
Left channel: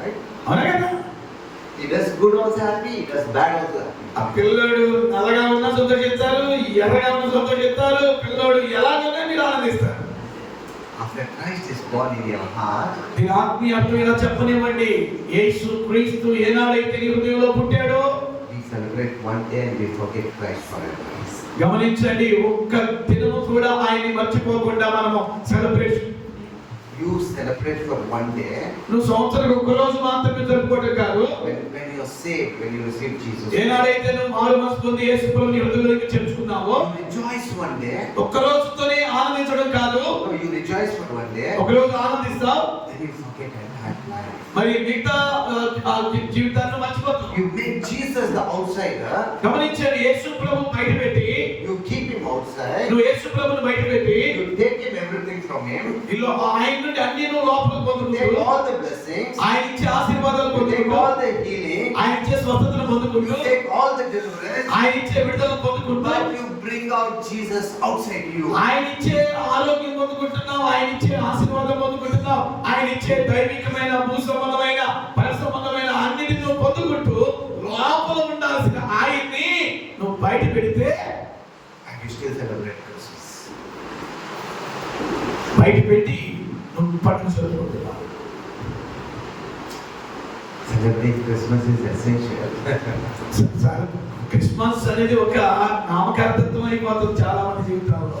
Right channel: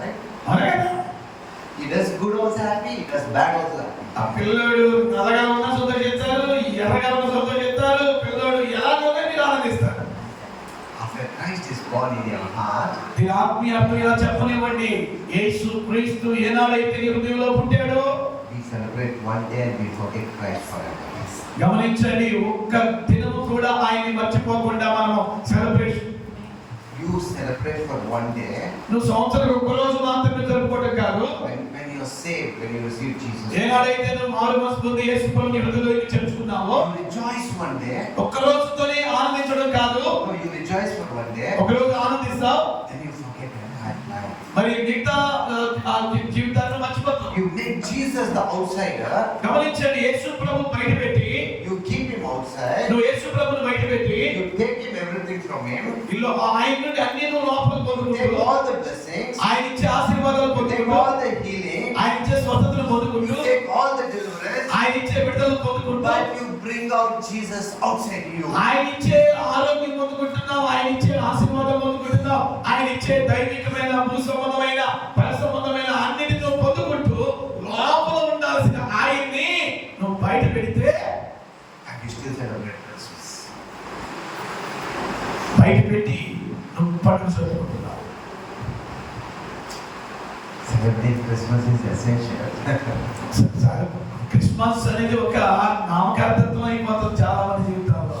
Right? అవునా కదా? He does good also happy, he does bad also happy. ఆ పిల్లోడు నల్లగా ఉన్నా సంతోషిస్తారు, ఎర్రగా ఉన్నా సంతోషిస్తారు. పిల్లోడు ఎలాగో మీరు ఆనందిస్తారు. After Christ is born in your heart, దీని ఆత్మీయాత్మ ఇలా చెప్పనివ్వండి. యేసు క్రీస్తు ఏనాడైతే నీ హృదయంలో పుట్టాడో we celebrate one day and we forget Christ forever. గమనించండి, ఒక్క దినము కూడా ఆయన్ని మర్చిపోకుండా మనము celebration. You celebrate for one day నువ్వు సంవత్సరానికి ఒక్క రోజు మాత్రమే జరుపుకోవడం కాదు. when you're saved, when you receive Jesus. ఏనాడైతే నువ్వు మారు మనసు పొంది యేసు ప్రభువుని హృదయంలోకి చేర్చుకున్నావో You rejoice one day. ఒక్క రోజుతోనే ఆనందించడం కాదు. No, you rejoice for one day, ఒక రోజు ఆనందిస్తావు, then you forget that life. మరి మిగతా జీవితాన్ని మర్చిపోతావు. You make Jesus the outsider. గమనించండి, యేసు ప్రభు బయట పెట్టి, You keep him outside. నువ్వు యేసు ప్రభుని బయట పెట్టి You take him everything from him. ఇల్లు ఆయన నుండి అన్ని నువ్వు లోపల You పొందుకుంటూ, take all the blessings. ఆయన ఇచ్చే ఆశీర్వాదాలు You take పొందుకుంటూ, all the healing. ఆయన ఇచ్చే స్వస్థతను పొందుకుంటూ, You take all the deliverance. ఆయన ఇచ్చే విడుదలను పొందుకుంటూ, But you bring out Jesus outside you. ఆయన ఇచ్చే ఆరోగ్యం పొందుకుంటున్నావు, ఆయన ఇచ్చే ఆశీర్వాదం పొందుకుంటున్నావు, ఆయన ఇచ్చే దైవికమైన, భూ సంబంధమైన, పర సంబంధమైన అన్నిటిని నువ్వు పొందుకుంటూ లోపల ఉండాల్సిన ఆయన్ని నువ్వు బయట పెడితే And you still celebrate Christmas. బయట పెట్టి నువ్వు పండుగ జరుపుకుంటున్నావు. Celebrate Christmas is essential. Christmas అనేది ఒక నామకార్థత్వం అయిపోతుంది చాలా మంది జీవితాల్లో.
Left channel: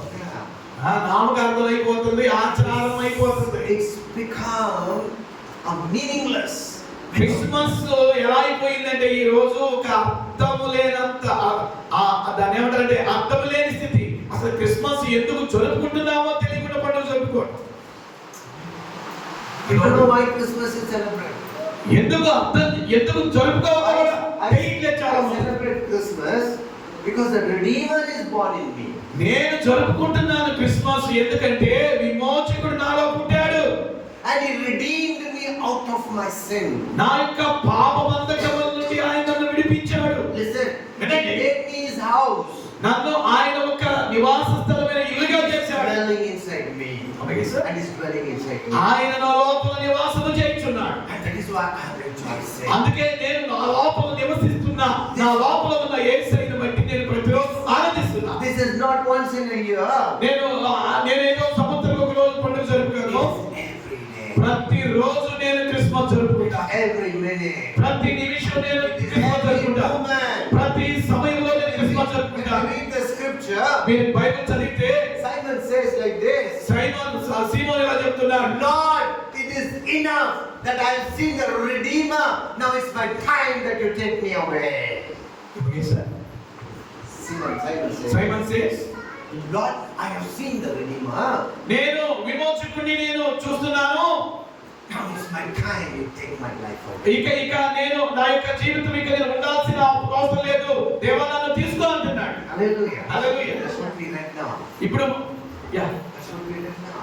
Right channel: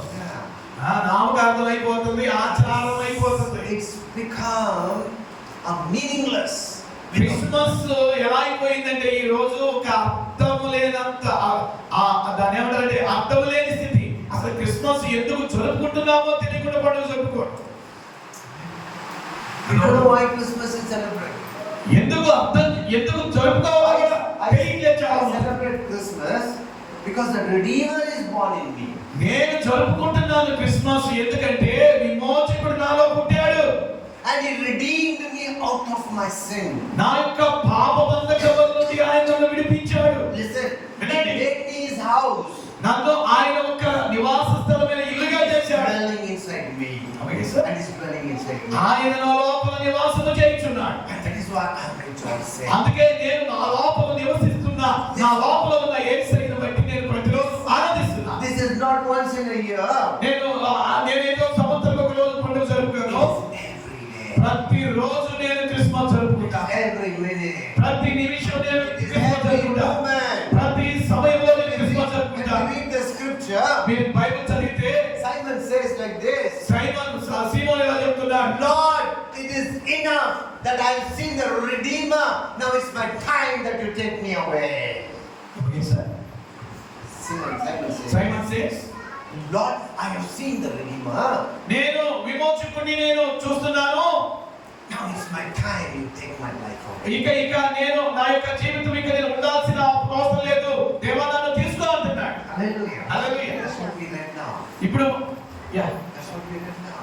నామకార్థం అయిపోతుంది, ఆచారం అయిపోతుంది. It's become a meaningless. Christmas ఎలా అయిపోయిందంటే ఈ రోజు ఒక అర్థం లేనంత దాని ఏమంటారంటే అర్థం లేని స్థితి. అసలు క్రిస్మస్ ఎందుకు జరుపుకుంటున్నామో తెలియకుండా పండుగ జరుపుకోండి. You don't know why Christmas is celebrated. ఎందుకు జరుపుకోవాలో కూడా తెలియట్లేదు చాలా I మంది. celebrate Christmas because the Redeemer is born in me. నేను జరుపుకుంటున్నాను క్రిస్మస్ ఎందుకంటే విమోచకుడు నాలో పుట్టాడు. And he redeemed me out of my sin. నా యొక్క పాప బంధకముల నుండి ఆయన నన్ను విడిపించాడు. Listen, he Vinnandi. made me his house. నన్ను ఆయన ఒక నివాస స్థలమైన ఇల్లుగా చేశాడు. Dwelling inside me. Okay, sir. And he's dwelling inside me. ఆయన నా లోపల నివాసము చేయుచున్నాడు. And that is why I'm rejoicing. అందుకే నేను నా లోపల నివసిస్తున్నా. నా లోపల ఉన్న యేసయ్యను బట్టి నేను ప్రతిరోజు ఆనందిస్తున్నా. This is not once in a year. నేనేదో సంవత్సరం ఒక రోజు పండుగ జరుపుకోను. It's every day. ప్రతిరోజు నేను క్రిస్మస్ జరుపుకుంటా. Every minute. ప్రతి నిమిషం నేను It is క్రిస్మస్ every జరుపుకుంటా. moment. ప్రతి సమయంలో నేను When క్రిస్మస్ we జరుపుకుంటా. read the scripture, మీరు బైబిల్ చదివితే Simon says like this, సీమోను ఇలా చెప్తున్నాడు, Lord, it is enough that I have seen the Redeemer. Now it's my time that you take me away. Simon says, Simon says, Lord, I have seen the Redeemer. నేను విమోచకుడిని నేను చూస్తున్నాను. Now it's my time you take my life away. ఇక నేను నా యొక్క జీవితం ఇక నేను ఉండాల్సిన అవసరం లేదు, దేవా నన్ను తీసుకో అంటున్నాడు. Hallelujah. Hallelujah. That's what we read now. ఇప్పుడు yeah That's what we read now.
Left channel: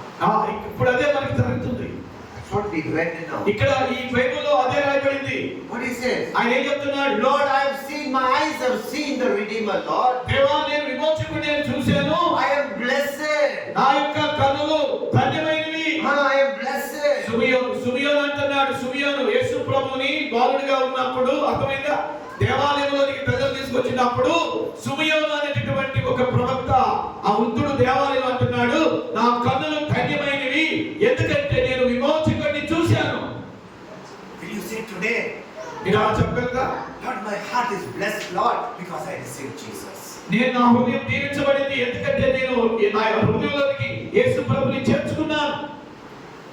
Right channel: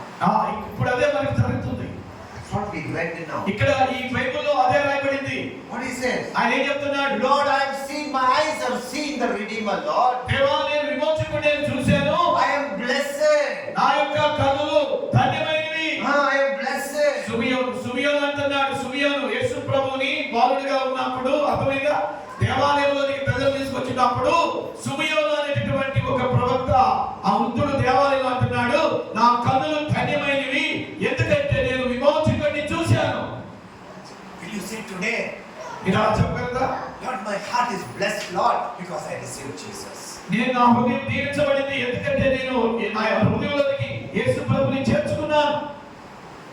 ఇప్పుడు అదే మనకి జరుగుతుంది. That's what we read now. ఇక్కడ ఈ బైబిల్లో అదే రాయబడింది. What he says? ఆయన ఏం చెప్తున్నాడు, Lord, I have seen, my eyes have seen the Redeemer, Lord. దేవా నేను విమోచకుడిని నేను చూశాను, I am blessed. నా యొక్క కన్నులు ధన్యమైనవి. I am blessed. సుమియోను అంటున్నాడు. సుమియోను యేసు ప్రభుని బాలుడిగా ఉన్నప్పుడు, అర్థమైందా, దేవాలయంలోనికి ప్రజలు తీసుకొచ్చినప్పుడు సుమియోను అనేటటువంటి ఒక ప్రవక్త ఆ వృద్ధుడు దేవాలయం అంటున్నాడు, నా కన్నులు ధన్యమైనవి, ఎందుకంటే నేను విమోచకుడిని చూశాను. Will you say today, మీరు అలా చెప్పగలరా? Lord, my heart is blessed, Lord, because I received Jesus. నేను నా హృదయం దీవించబడింది, ఎందుకంటే నేను నా హృదయంలోనికి యేసు ప్రభుని చేర్చుకున్నాను.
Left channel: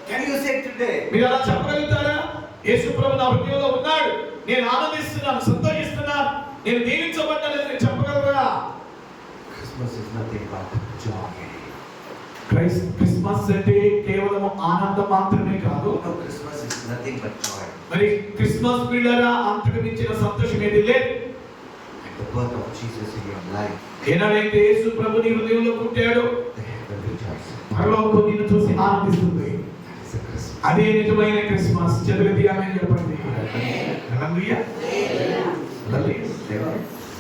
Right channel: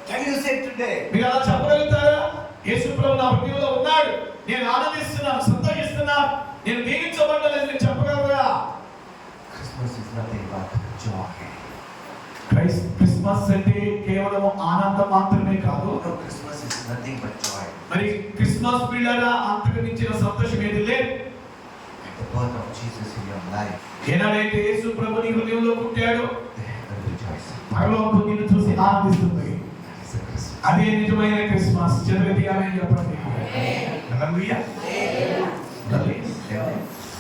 Can you say today? మీరు అలా చెప్పగలుగుతారా? యేసు ప్రభు నా హృదయంలో ఉన్నాడు, నేను ఆనందిస్తున్నాను, సంతోషిస్తున్నాను, నేను దీవించబడ్డానని నేను చెప్పగలరా? Christmas is nothing but joy. Christmas అంటే కేవలం ఆనందం మాత్రమే కాదు. No, Christmas is nothing but joy. మరి క్రిస్మస్ పిల్లల అంతకు మించిన సంతోషం ఏది లేదు. At the birth of Jesus in your life, ఏనాడైతే యేసు ప్రభు నీ హృదయంలో పుట్టాడో, the heaven rejoices. పరలోకం నిన్ను చూసి ఆనందిస్తుంది. That is a Christmas. అదే నిజమైన క్రిస్మస్. చదువుతి ఆమేన్ చెప్పండి. హల్లెలూయా. హల్లెలూయా.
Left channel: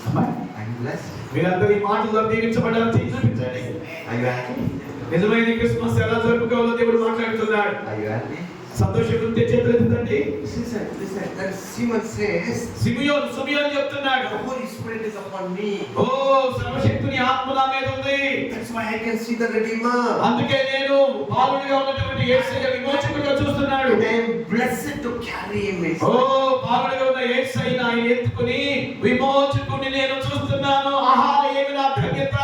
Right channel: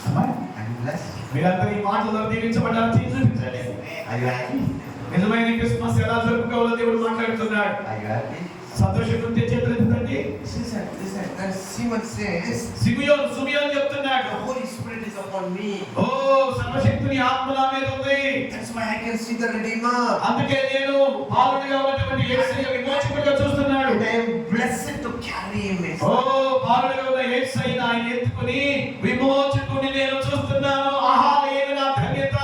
అమ్మాయి, Are you blessed? మీరందరూ ఈ మాటల్లో దీవించబడ్డారని చేసి చూపించండి. Are you happy? నిజమైన క్రిస్మస్ ఎలా జరుపుకోవాలో దేవుడు మాట్లాడుతున్నాడు. Are you happy? సంతోషం ఉంటే చేతులు ఎత్తండి. Listen. Then Simon says, సుమియోను చెప్తున్నాడు, the Holy Spirit is upon me. ఓ సర్వశక్తుని ఆత్మ నా మీద ఉంది, That's why I can see the Redeemer. అందుకే నేను బాలుడిగా ఉన్నటువంటి యేసయ్య విమోచకుడిగా చూస్తున్నాడు. And I am blessed to carry him. ఓ బాలుడిగా ఉన్న యేసయ్యను ఆయన ఎత్తుకుని విమోచకుడిని నేను చూస్తున్నాను. ఆహా, ఏమి నా ధన్యత,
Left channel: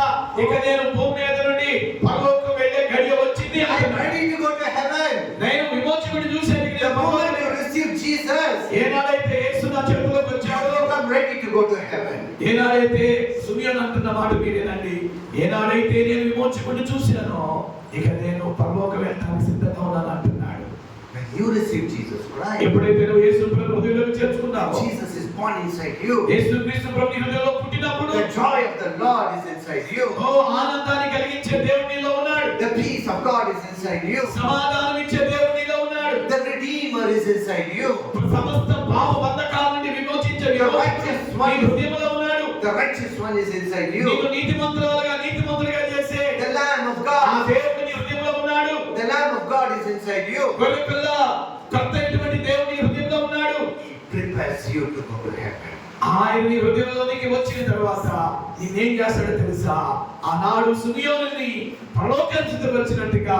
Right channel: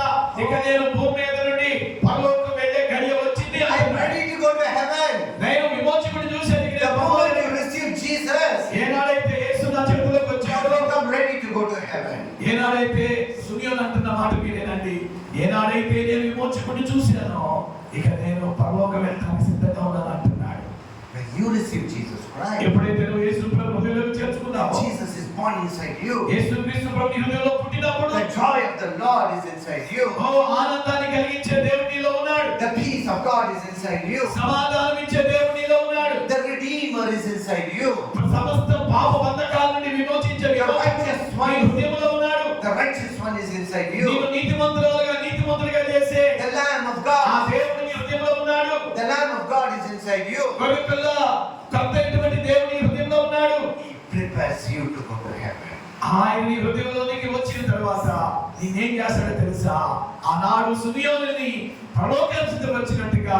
ఇక నేను భూమి మీద నుండి పరలోకం వెళ్ళే గడియ వచ్చింది. I am ready to go to heaven. నేను విమోచకుడిని చూశాను. The moment you receive Jesus, ఏనాడైతే యేసు నా చేతిలోకి వచ్చాడో, you become ready to go to heaven. ఏనాడైతే సుమియోను అంటున్న మాట మీరేనండి, ఏనాడైతే నేను విమోచకుడిని చూశానో, ఇక నేను పరలోకం వెళ్ళడానికి సిద్ధంగా ఉన్నాను అంటున్నాడు. When you receive Jesus Christ, ఎప్పుడైతే నువ్వు యేసు ప్రభు హృదయంలోకి చేర్చుకున్నావో, Jesus is born inside you. యేసు క్రీస్తు ప్రభు నీ హృదయంలో పుట్టినప్పుడు The joy of the Lord is inside you. ఓ ఆనందాన్ని కలిగించే దేవుడు నీలో ఉన్నాడు. The peace of God is inside you. సమాధానం ఇచ్చే దేవుడు నీలో ఉన్నాడు. The Redeemer is inside you. సమస్త పాప బంధకాల నుండి విమోచించే విమోచకుడు నీ హృదయంలో ఉన్నాడు. The righteous one is inside you. నీవు నీతిమంతులుగా చేసే The Lamb of ఆ God. దేవుడు నీ హృదయంలో ఉన్నాడు. The Lamb of God is inside you. గొర్రెపిల్ల కర్తైనటువంటి దేవుడు నీ హృదయంలో ఉన్నాడు. He prepares you to go to heaven. ఆయన నీ హృదయంలోనికి వచ్చిన తర్వాత నేనేం చేస్తాడో తెలుసా? ఆనాడు సుమియోనుని పరలోకానికి సిద్ధపరిచినట్టుగా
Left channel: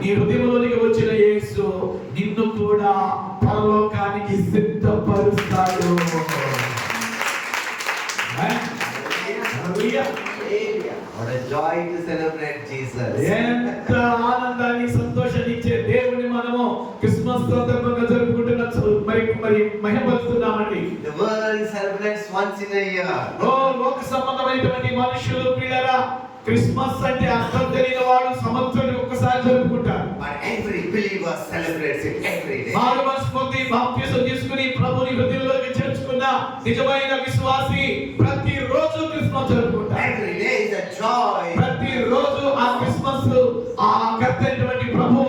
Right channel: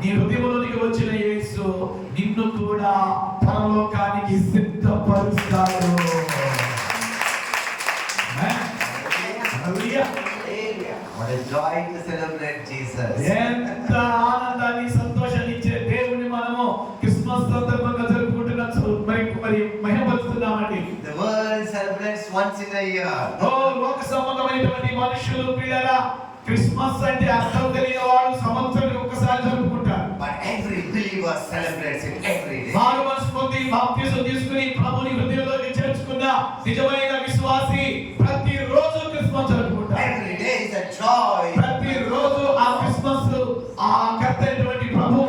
నీ హృదయంలోనికి వచ్చిన యేసు నిన్ను కూడా పరలోకానికి సిద్ధపరుస్తాడు. హల్లెలూయా. What a joy to celebrate Jesus. ఎంత ఆనందాన్ని సంతోషాన్ని ఇచ్చే దేవుని మనము క్రిస్మస్ సందర్భంగా జరుపుకుంటున్నాం. మరి మహిమపరుస్తున్నామండి. The world celebrates once in a year. లోక సంబంధమైనటువంటి మనుషులు ప్రియులారా, క్రిస్మస్ అంటే అర్థం తెలియని వాడు సంవత్సరానికి ఒకసారి జరుపుకుంటారు. But every believer celebrates it every day. మారు మనసు పొంది బాప్తిసం తీసుకుని ప్రభుని హృదయంలోకి చేర్చుకున్న నిజమైన విశ్వాసి ప్రతిరోజు క్రిస్మస్ జరుపుకుంటారు. Every day is a joy. ప్రతిరోజు ఆ క్రిస్మస్ ఆ కర్తైనటువంటి ప్రభు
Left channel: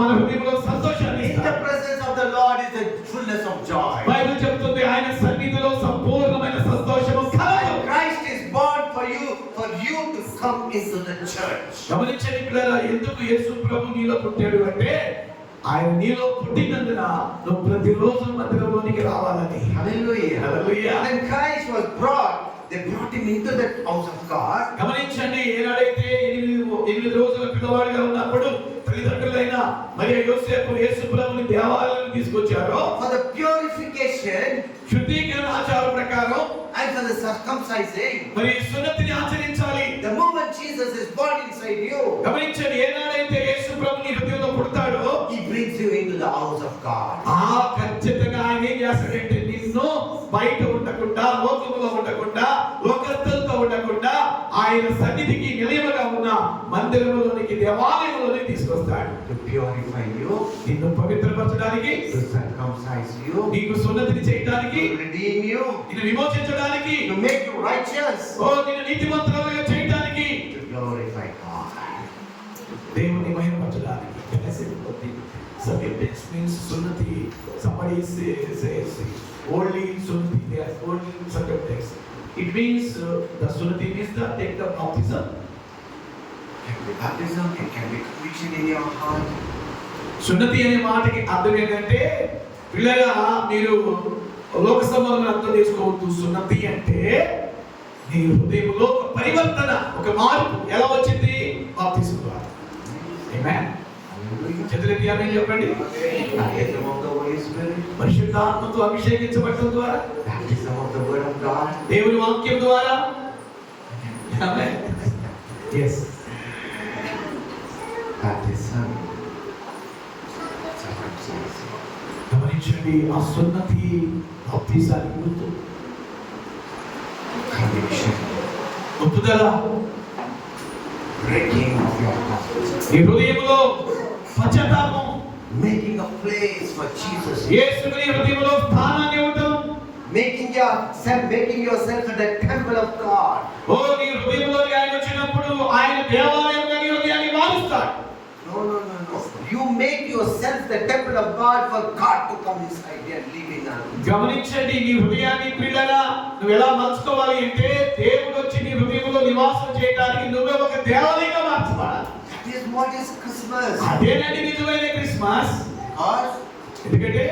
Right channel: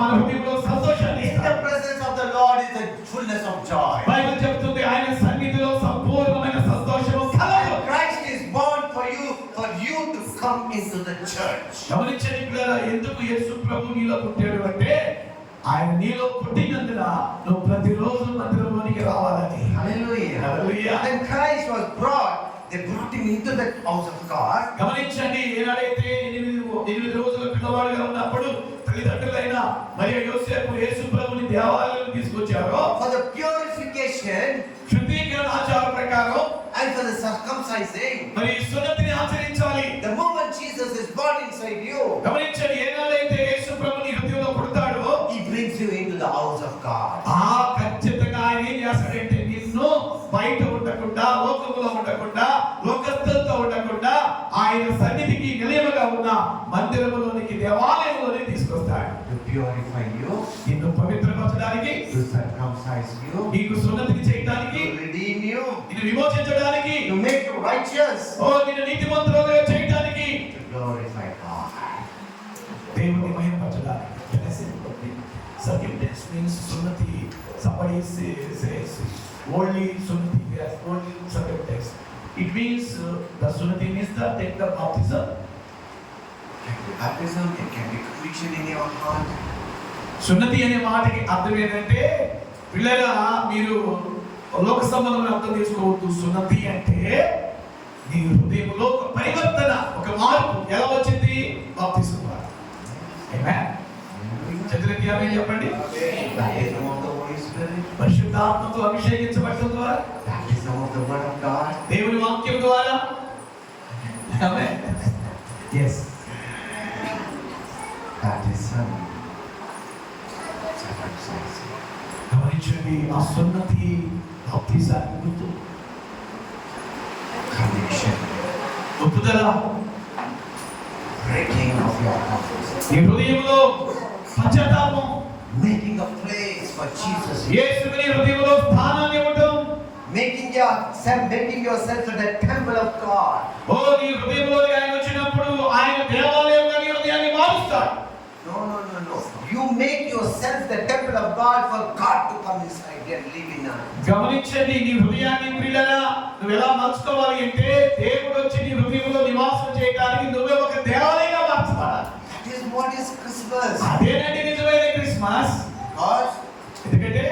మన హృదయంలో సంతోషాన్ని In the ఇస్తారు. presence of the Lord is the fullness of joy. Bible చెప్తుంది ఆయన సన్నిధిలో సంపూర్ణమైన సంతోషము కలదు. Christ is born for you to come into the church. గమనించండి పిల్లలు, ఎందుకు యేసు ప్రభు నీలో పుట్టాడు అంటే ఆయన నీలో పుట్టినందున నువ్వు ప్రతిరోజు మందిరంలోనికి రావాలని. Hallelujah. Hallelujah. When Christ was brought, they brought him into the house of God. గమనించండి, ఏనాడైతే 8 రోజుల పిల్లవాడిగా ఉన్నప్పుడు తల్లిదండ్రులైన మరియ యోసేపు యేసు ప్రభుని దేవాలయానికి తీసుకొచ్చారో, For the purification circumcising, మరి సున్నతిని ఆచరించాలి. the moment Jesus is born inside you, గమనించండి, ఏనాడైతే యేసు ప్రభు నీ హృదయంలో పుడతాడో he brings you into the house of God. ఖచ్చితంగా ఆయన ఏం చేస్తాడంటే నిన్ను బయట ఉండకుండా, లోకములో ఉండకుండా, లోకస్తులతో ఉండకుండా ఆయన సన్నిధికి నిలయముగా ఉన్న మందిరములోనికి, దేవాలయంలోనికి తీసుకొస్తాడు. To purify you, నిన్ను పవిత్రపరచడానికి, to circumcise you, నీకు సున్నతిని చేయడానికి, to redeem you, నిన్ను విమోచించడానికి, to make you righteous, నిన్ను నీతిమంతులుగా చేయడానికి, to glorify God. దేవుని మహిమపరచడానికి. Forgiveness means sunnati. Somebody says only sunnati. Yes, only forgiveness. It means the sunnati means take the baptism. It can be baptism, it can be conviction in your heart. సున్నతి అనే మాటకి అర్థం ఏంటంటే, పిల్లగా మీరు లోక సంబంధం అర్థం చేసుకోవద్దు. సున్నతి అంటే నీ హృదయంలో ఒక పరివర్తన, ఒక మార్పు ఎలా వచ్చింది? బాప్తిసం ద్వారా. ఆమేన్. చతుర్థి ఆమేన్ చెప్పండి. Baptism of the Holy Spirit, పరిశుద్ధాత్మతో అభిషేకించబడటం ద్వారా, baptism of the Word of God, దేవుని వాక్యం ద్వారా. ఆమేన్. yes. baptism, circumcision, గమనించండి, ఆ సున్నతి బాప్తిసానికి గుర్తు. conviction, ఒప్పుదల, breaking of your heart, ఈ హృదయంలో పశ్చాత్తాపం, making a place for Jesus, యేసుని హృదయంలో స్థానాన్ని ఇవ్వటం, making yourself in the temple of God. నీ హృదయంలో ఆయన వచ్చినప్పుడు ఆయన దేవాలయంగా నీ హృదయాన్ని మారుస్తాడు. No. You make yourself the temple of God for God to come inside and live in us. గమనించండి, నీ హృదయాన్ని ప్రియులారా నువ్వు ఎలా మార్చుకోవాలి అంటే, దేవుడు వచ్చి నీ హృదయంలో నివాసం చేయడానికి నువ్వే ఒక దేవాలయంగా మార్చుకోవాలి. That is what is Christmas. అదేనండి నిజమైన క్రిస్మస్. Because ఎందుకంటే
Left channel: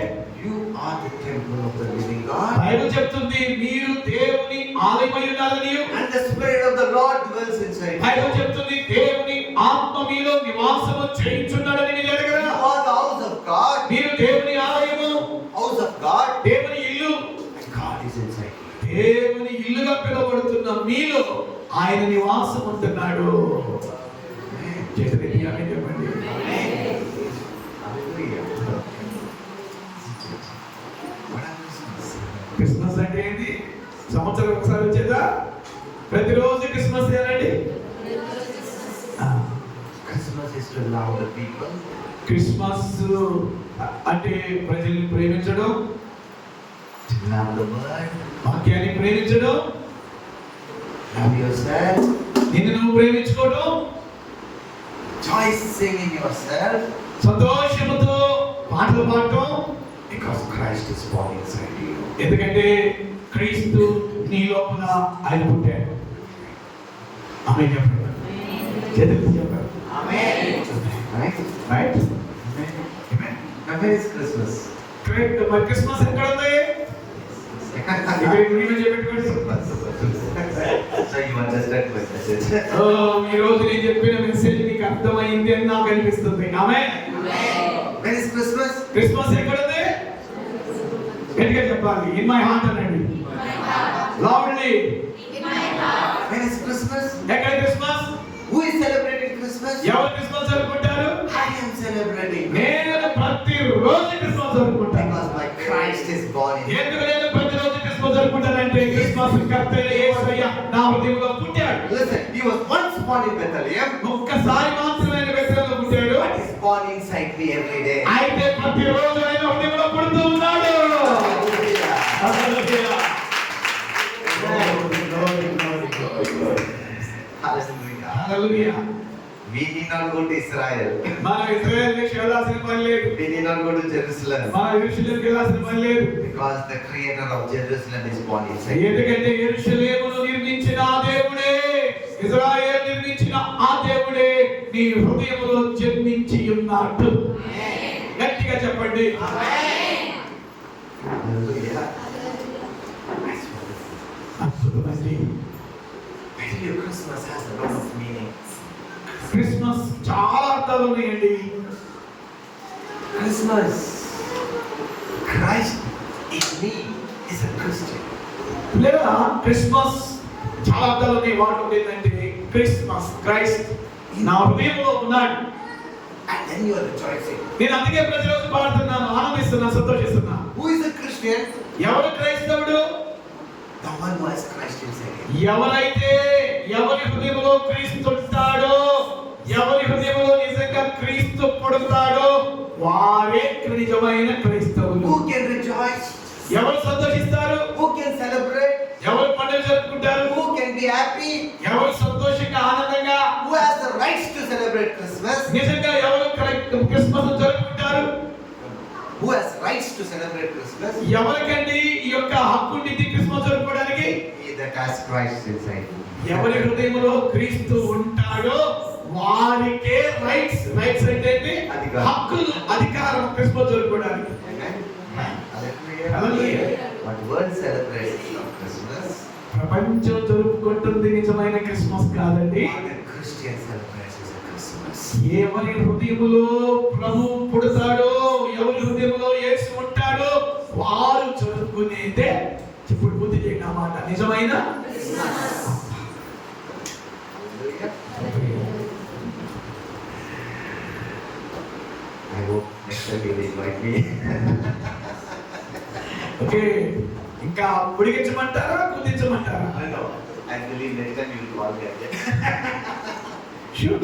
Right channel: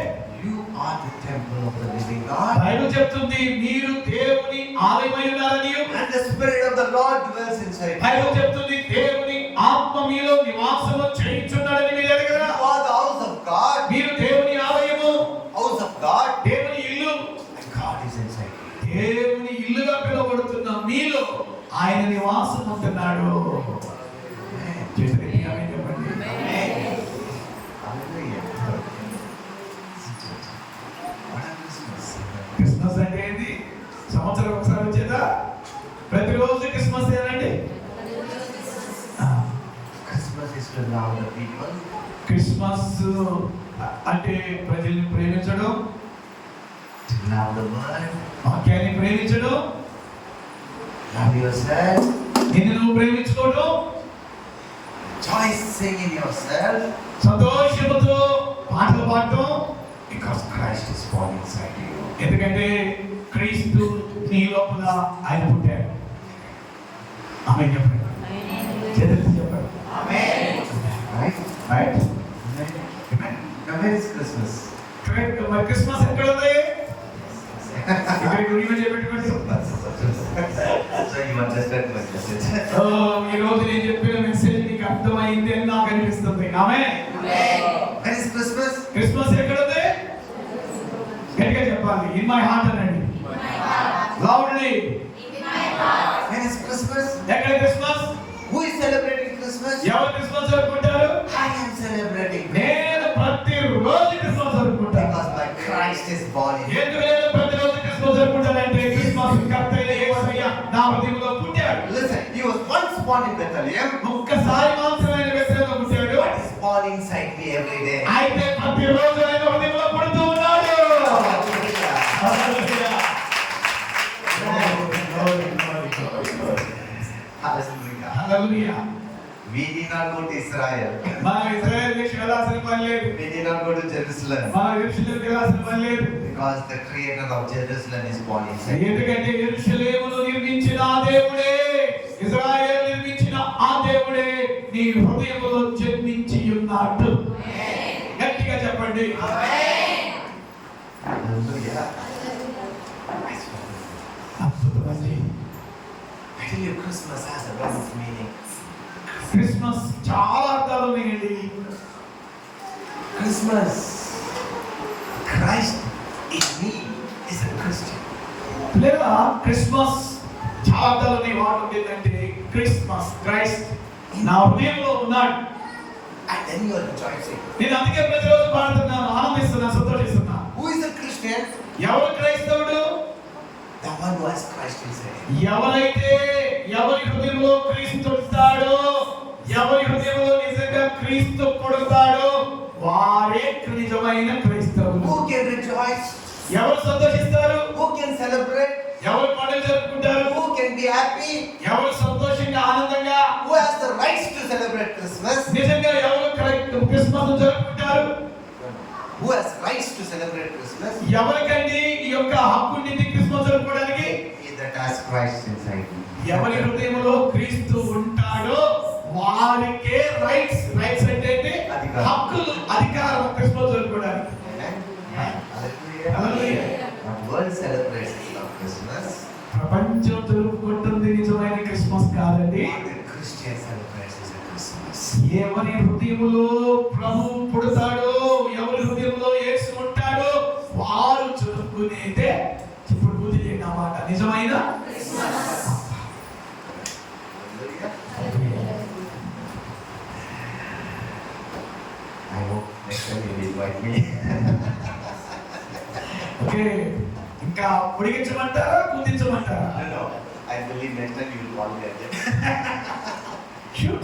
you are the temple of the living God. Bible చెప్తుంది మీరు దేవుని ఆలయమై ఉన్నారని. And the Spirit of the Lord dwells inside you. Bible చెప్తుంది దేవుని ఆత్మ మీలో నివాసము చేయుచున్నాడని. మీరు ఎరగరా? You are the house of God. మీరు దేవుని ఆలయము, House of God. దేవుని ఇల్లు. And God is inside you. దేవుని ఇల్లుగా పిలువబడుతున్న మీలో ఆయన నివాసం ఉంటున్నాడు. చేతులెత్తి ఆమేన్ చెప్పండి. Hallelujah. What are Christmas? Christmas అంటే ఏంటి? సంవత్సరం ఒకసారి వచ్చేదా? ప్రతిరోజు క్రిస్మస్ ఏనండి. Christmas is to love the people. Christmas అంటే ప్రజల్ని ప్రేమించడం, To love the word. వాక్యాన్ని ప్రేమించడం, Love yourself. నిన్ను నువ్వు ప్రేమించుకోవడం, Rejoicing in yourself. సంతోషముతో పాటలు పాడటం. Because Christ is born inside you. ఎందుకంటే క్రీస్తు నీ లోపల ఆయన పుట్టాడు. ఆమేన్ చెప్పండి. చేతులెత్తి చెప్పండి. Amen. Right? Right. Amen. Now where is Christmas? మరి క్రిస్మస్ ఎక్కడ ఉంది? ఇక్కడ గుడిలో చెప్పేటువంటి. So you understand my message. ఈ రోజు నేను చెప్పిన మెసేజ్ నీకు అర్థమైంది అని నాకు అనిపిస్తుంది. ఆమేన్. Where is Christmas? క్రిస్మస్ ఎక్కడ ఉంది? గట్టిగా చెప్పాలి. ఇన్ మై హార్ట్ అనండి. లౌడ్లీ. Where is Christmas? ఎక్కడ Christmas? Who is celebrating Christmas? ఎవరు క్రిస్మస్ జరుపుకుంటారు? I am celebrating. నేను ప్రతిరోజు Christmas జరుపుకుంటాను. Because my Christ is born in me. ఎందుకు నేను ప్రతిరోజు క్రిస్మస్ జరుపుకుంటానంటే క్రిస్మస్ కర్తైన యేసయ్య నా హృదయంలో పుట్టాడు. Listen, he was once born in Bethlehem, ఒక్కసారి మాత్రమే ఆయన బెత్లెహేములో పుట్టాడు. but he's born inside me every day. అయితే ప్రతిరోజు ఆయన హృదయంలో పుడుతూ ఉన్నాడు. Hallelujah. Hallelujah. Hallelujah. Hallelujah. We need not go to Israel. మనం ఇశ్రాయేలు దేశం వెళ్ళాల్సిన పని లేదు. We need not go to Jerusalem. మనం యెరూషలేముకి వెళ్ళాల్సిన పని లేదు. Because the creator of Jerusalem is born inside. ఎందుకంటే యెరూషలేమును నిర్మించిన ఆ దేవుడే, ఇశ్రాయేలు నిర్మించిన ఆ దేవుడే నీ హృదయంలో జన్మించి ఉన్నాడు. గట్టిగా చెప్పండి. Hallelujah. అద్భుతమండి. I tell you, Christmas has a lot of meaning. Christmas చాలా అర్థాలు ఉన్నాయండి. Christmas, Christ in me is a Christian. లేదా క్రిస్మస్ చాలాలోనే వాడు ఏంటంటే క్రిస్మస్ క్రైస్ట్ నా హృదయంలో ఉన్నాడు. And then you are rejoicing. నేను అందుకే ప్రతిరోజు పాడుతున్నాను, ఆనందిస్తున్నాను, సంతోషిస్తున్నా. Who is a Christian? ఎవరు క్రైస్తవుడు? The one who has Christ inside him. ఎవరైతే ఎవరి హృదయంలో క్రీస్తు ఉంటాడో, ఎవరి హృదయంలో నిజంగా క్రీస్తు పుడతాడో వారే నిజమైన క్రైస్తవులు. Who can rejoice? ఎవరు సంతోషిస్తారు? Who can celebrate? ఎవరు పండుగ జరుపుకుంటారు? Who can be happy? ఎవరు సంతోషంగా ఆనందంగా? Who has the rights to celebrate Christmas? నిజంగా ఎవరు క్రిస్మస్ జరుపుకుంటారు? Who has rights to celebrate Christmas? ఎవరికండి ఈ యొక్క హక్కు ఉంది క్రిస్మస్ జరుపుకోవడానికి? He that has Christ inside him. ఎవరి హృదయంలో క్రీస్తు ఉంటాడో వారికే రైట్స్ అంటే అధికారం. హక్కులు, అధికారం క్రిస్మస్ జరుపుకోవడానికి. Amen. Hallelujah. Hallelujah. What world celebrates of Christmas? ప్రపంచం జరుపుకుంటుంది నిజమైన క్రిస్మస్ కాదండి. What the Christian celebrates is a Christmas. ఎవరి హృదయంలో ప్రభు పుడతాడో, ఎవరి హృదయంలో యేసు ఉంటాడో వారు జరుపుకునేదే ఇప్పుడు బుద్ధి చేయండి అన్నమాట నిజమైన Hallelujah. I hope next time you will invite me. Okay. ఇంకా పొడిగించమంటారా, కుదించమంటారా? I know. I believe next time you will call me again. Sure.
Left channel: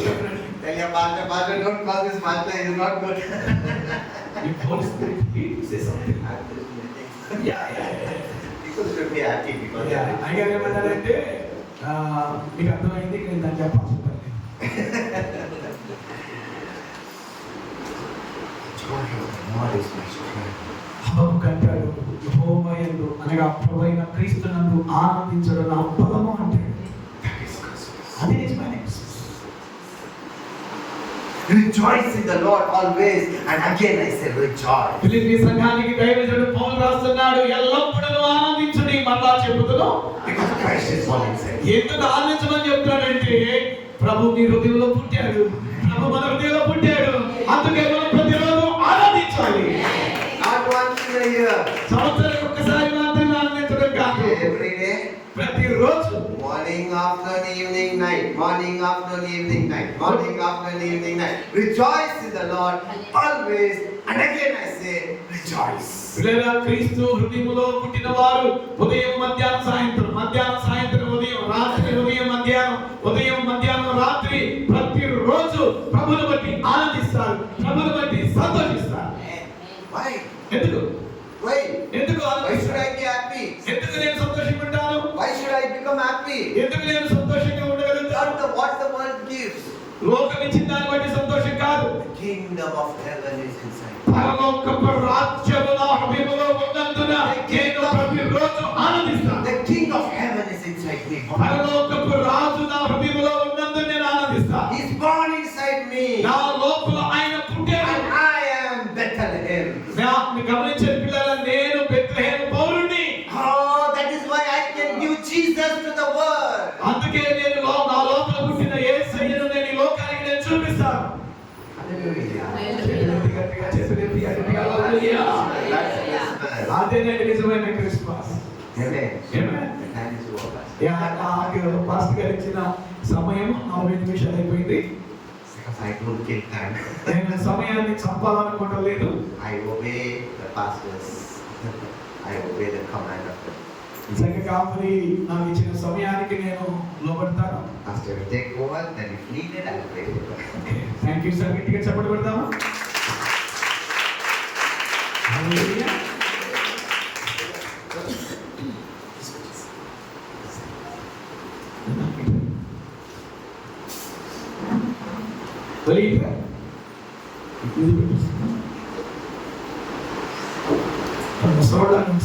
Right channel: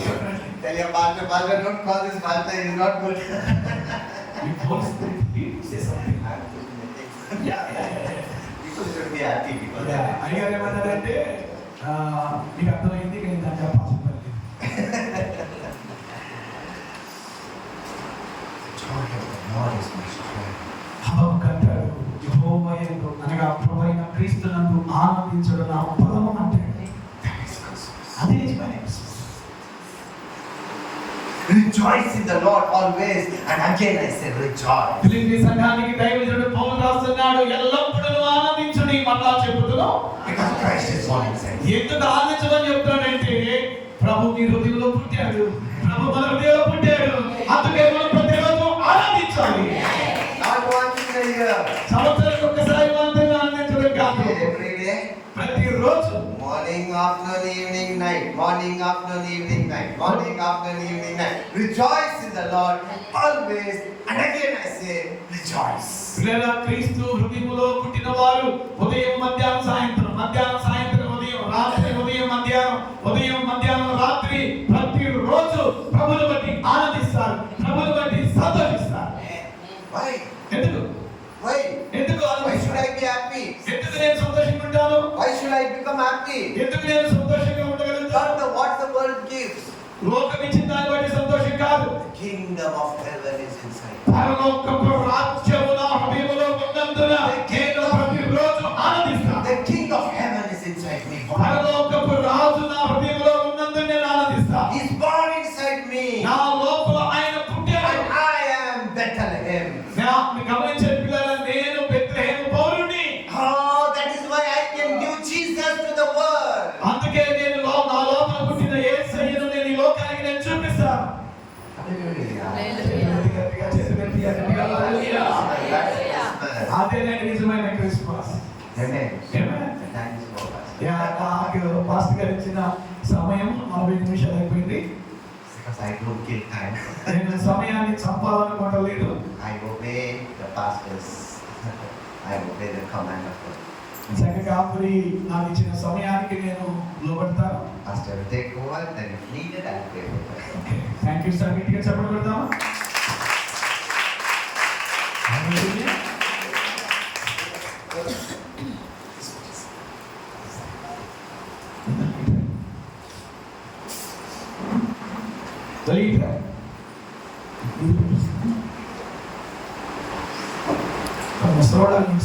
Tell your pastor, don't call this pastor, he is not good. You Holy Spirit, he says something. Yeah. People should be happy because they are అయ్యారు ఏమన్నారంటే మీకు అర్థమైంది, ఇక నేను దాన్ని చెప్పాల్సిన పని లేదు. joy of the Lord is my strength. హబక్కు అంటాడు, యెహోవా యందు అనగా ప్రభువైన క్రీస్తునందు ఆనందించడం నా బలము అంటాడు. That is Christmas. అది నిజమైన Christmas. Rejoice in the Lord always, and again I say rejoice. Philippi సంఘానికి దైవజనుడు పౌలు రాస్తున్నాడు, ఎల్లప్పుడూ ఆనందించుడి. మళ్ళా చెబుతున్నాం, Because Christ is all inside. ఎందుకు ఆనందించమని చెప్తున్నాడంటే ప్రభు మీ హృదయంలో పుట్టాడు, ప్రభు మన హృదయంలో పుట్టాడు, అందుకే మనం ప్రతిరోజు ఆనందించాలి. Not once in a year. సంవత్సరానికి ఒక్కసారి మాత్రమే ఆనందించడం కాదు, Every day. ప్రతిరోజు. Morning, afternoon, evening, night. Morning, afternoon, evening, night. Morning, afternoon, evening, night. Rejoice in the Lord always. And again I say, rejoice. పిల్లరా, క్రీస్తు హృదయములో పుట్టిన వారు ఉదయం మధ్యాహ్నం సాయంత్రం, మధ్యాహ్నం సాయంత్రం ఉదయం, రాత్రి ఉదయం మధ్యాహ్నం, ఉదయం మధ్యాహ్నం రాత్రి ప్రతిరోజు ప్రభువును బట్టి ఆనందిస్తారు, ప్రభువును బట్టి సంతోషిస్తారు. Why? ఎందుకు Why? ఎందుకు Why should ఆనందిస్తారు? I be happy? ఎందుకు నేను సంతోషంగా ఉంటాను? Why should I become happy? ఎందుకు నేను సంతోషంగా ఉండగలుగుతాను? Not what the world gives. లోకం ఇచ్చిన దాన్ని బట్టి సంతోషం కాదు. The kingdom of heaven is inside. పరలోకపు రాజ్యము నా హృదయములో ఉన్నందున నేను ప్రతిరోజు ఆనందిస్తాను. The king of heaven is inside me. పరలోకపు రాజు నా హృదయములో ఉన్నందున నేను ఆనందిస్తాను. He is born inside me. నా లోపల ఆయన పుట్టాడు. And I am Bethlehem. మీరు గమనించే పిల్లలు, నేను Bethlehem పౌరుణ్ణి. Oh, that is why I can give Jesus to the world. అందుకే నేను నా లోపల పుట్టిన యేసయ్యను నేను ఈ లోకానికి నేను చూపిస్తాను. Hallelujah. గట్టిగా చేతులెత్తి గట్టిగా హల్లెలూయా. అదే నేను నిజమైన Christmas. Amen. Amen. Thanks to all of us. Pastor గారు ఇచ్చిన సమయం 40 నిమిషాలు అయిపోయింది. Because I don't kill time. నేను సమయాన్ని చంపాలనుకోవడం లేదు. I obey the pastors. I obey the command of the చక్కగా మరి నాకు ఇచ్చిన సమయానికి నేను లోబడతాను. pastor. Will take over, then if needed, I will pray over. Thank you sir. గట్టిగా చెప్పడం పెడతామా? హల్లెలూయా. Believe that. From the sword and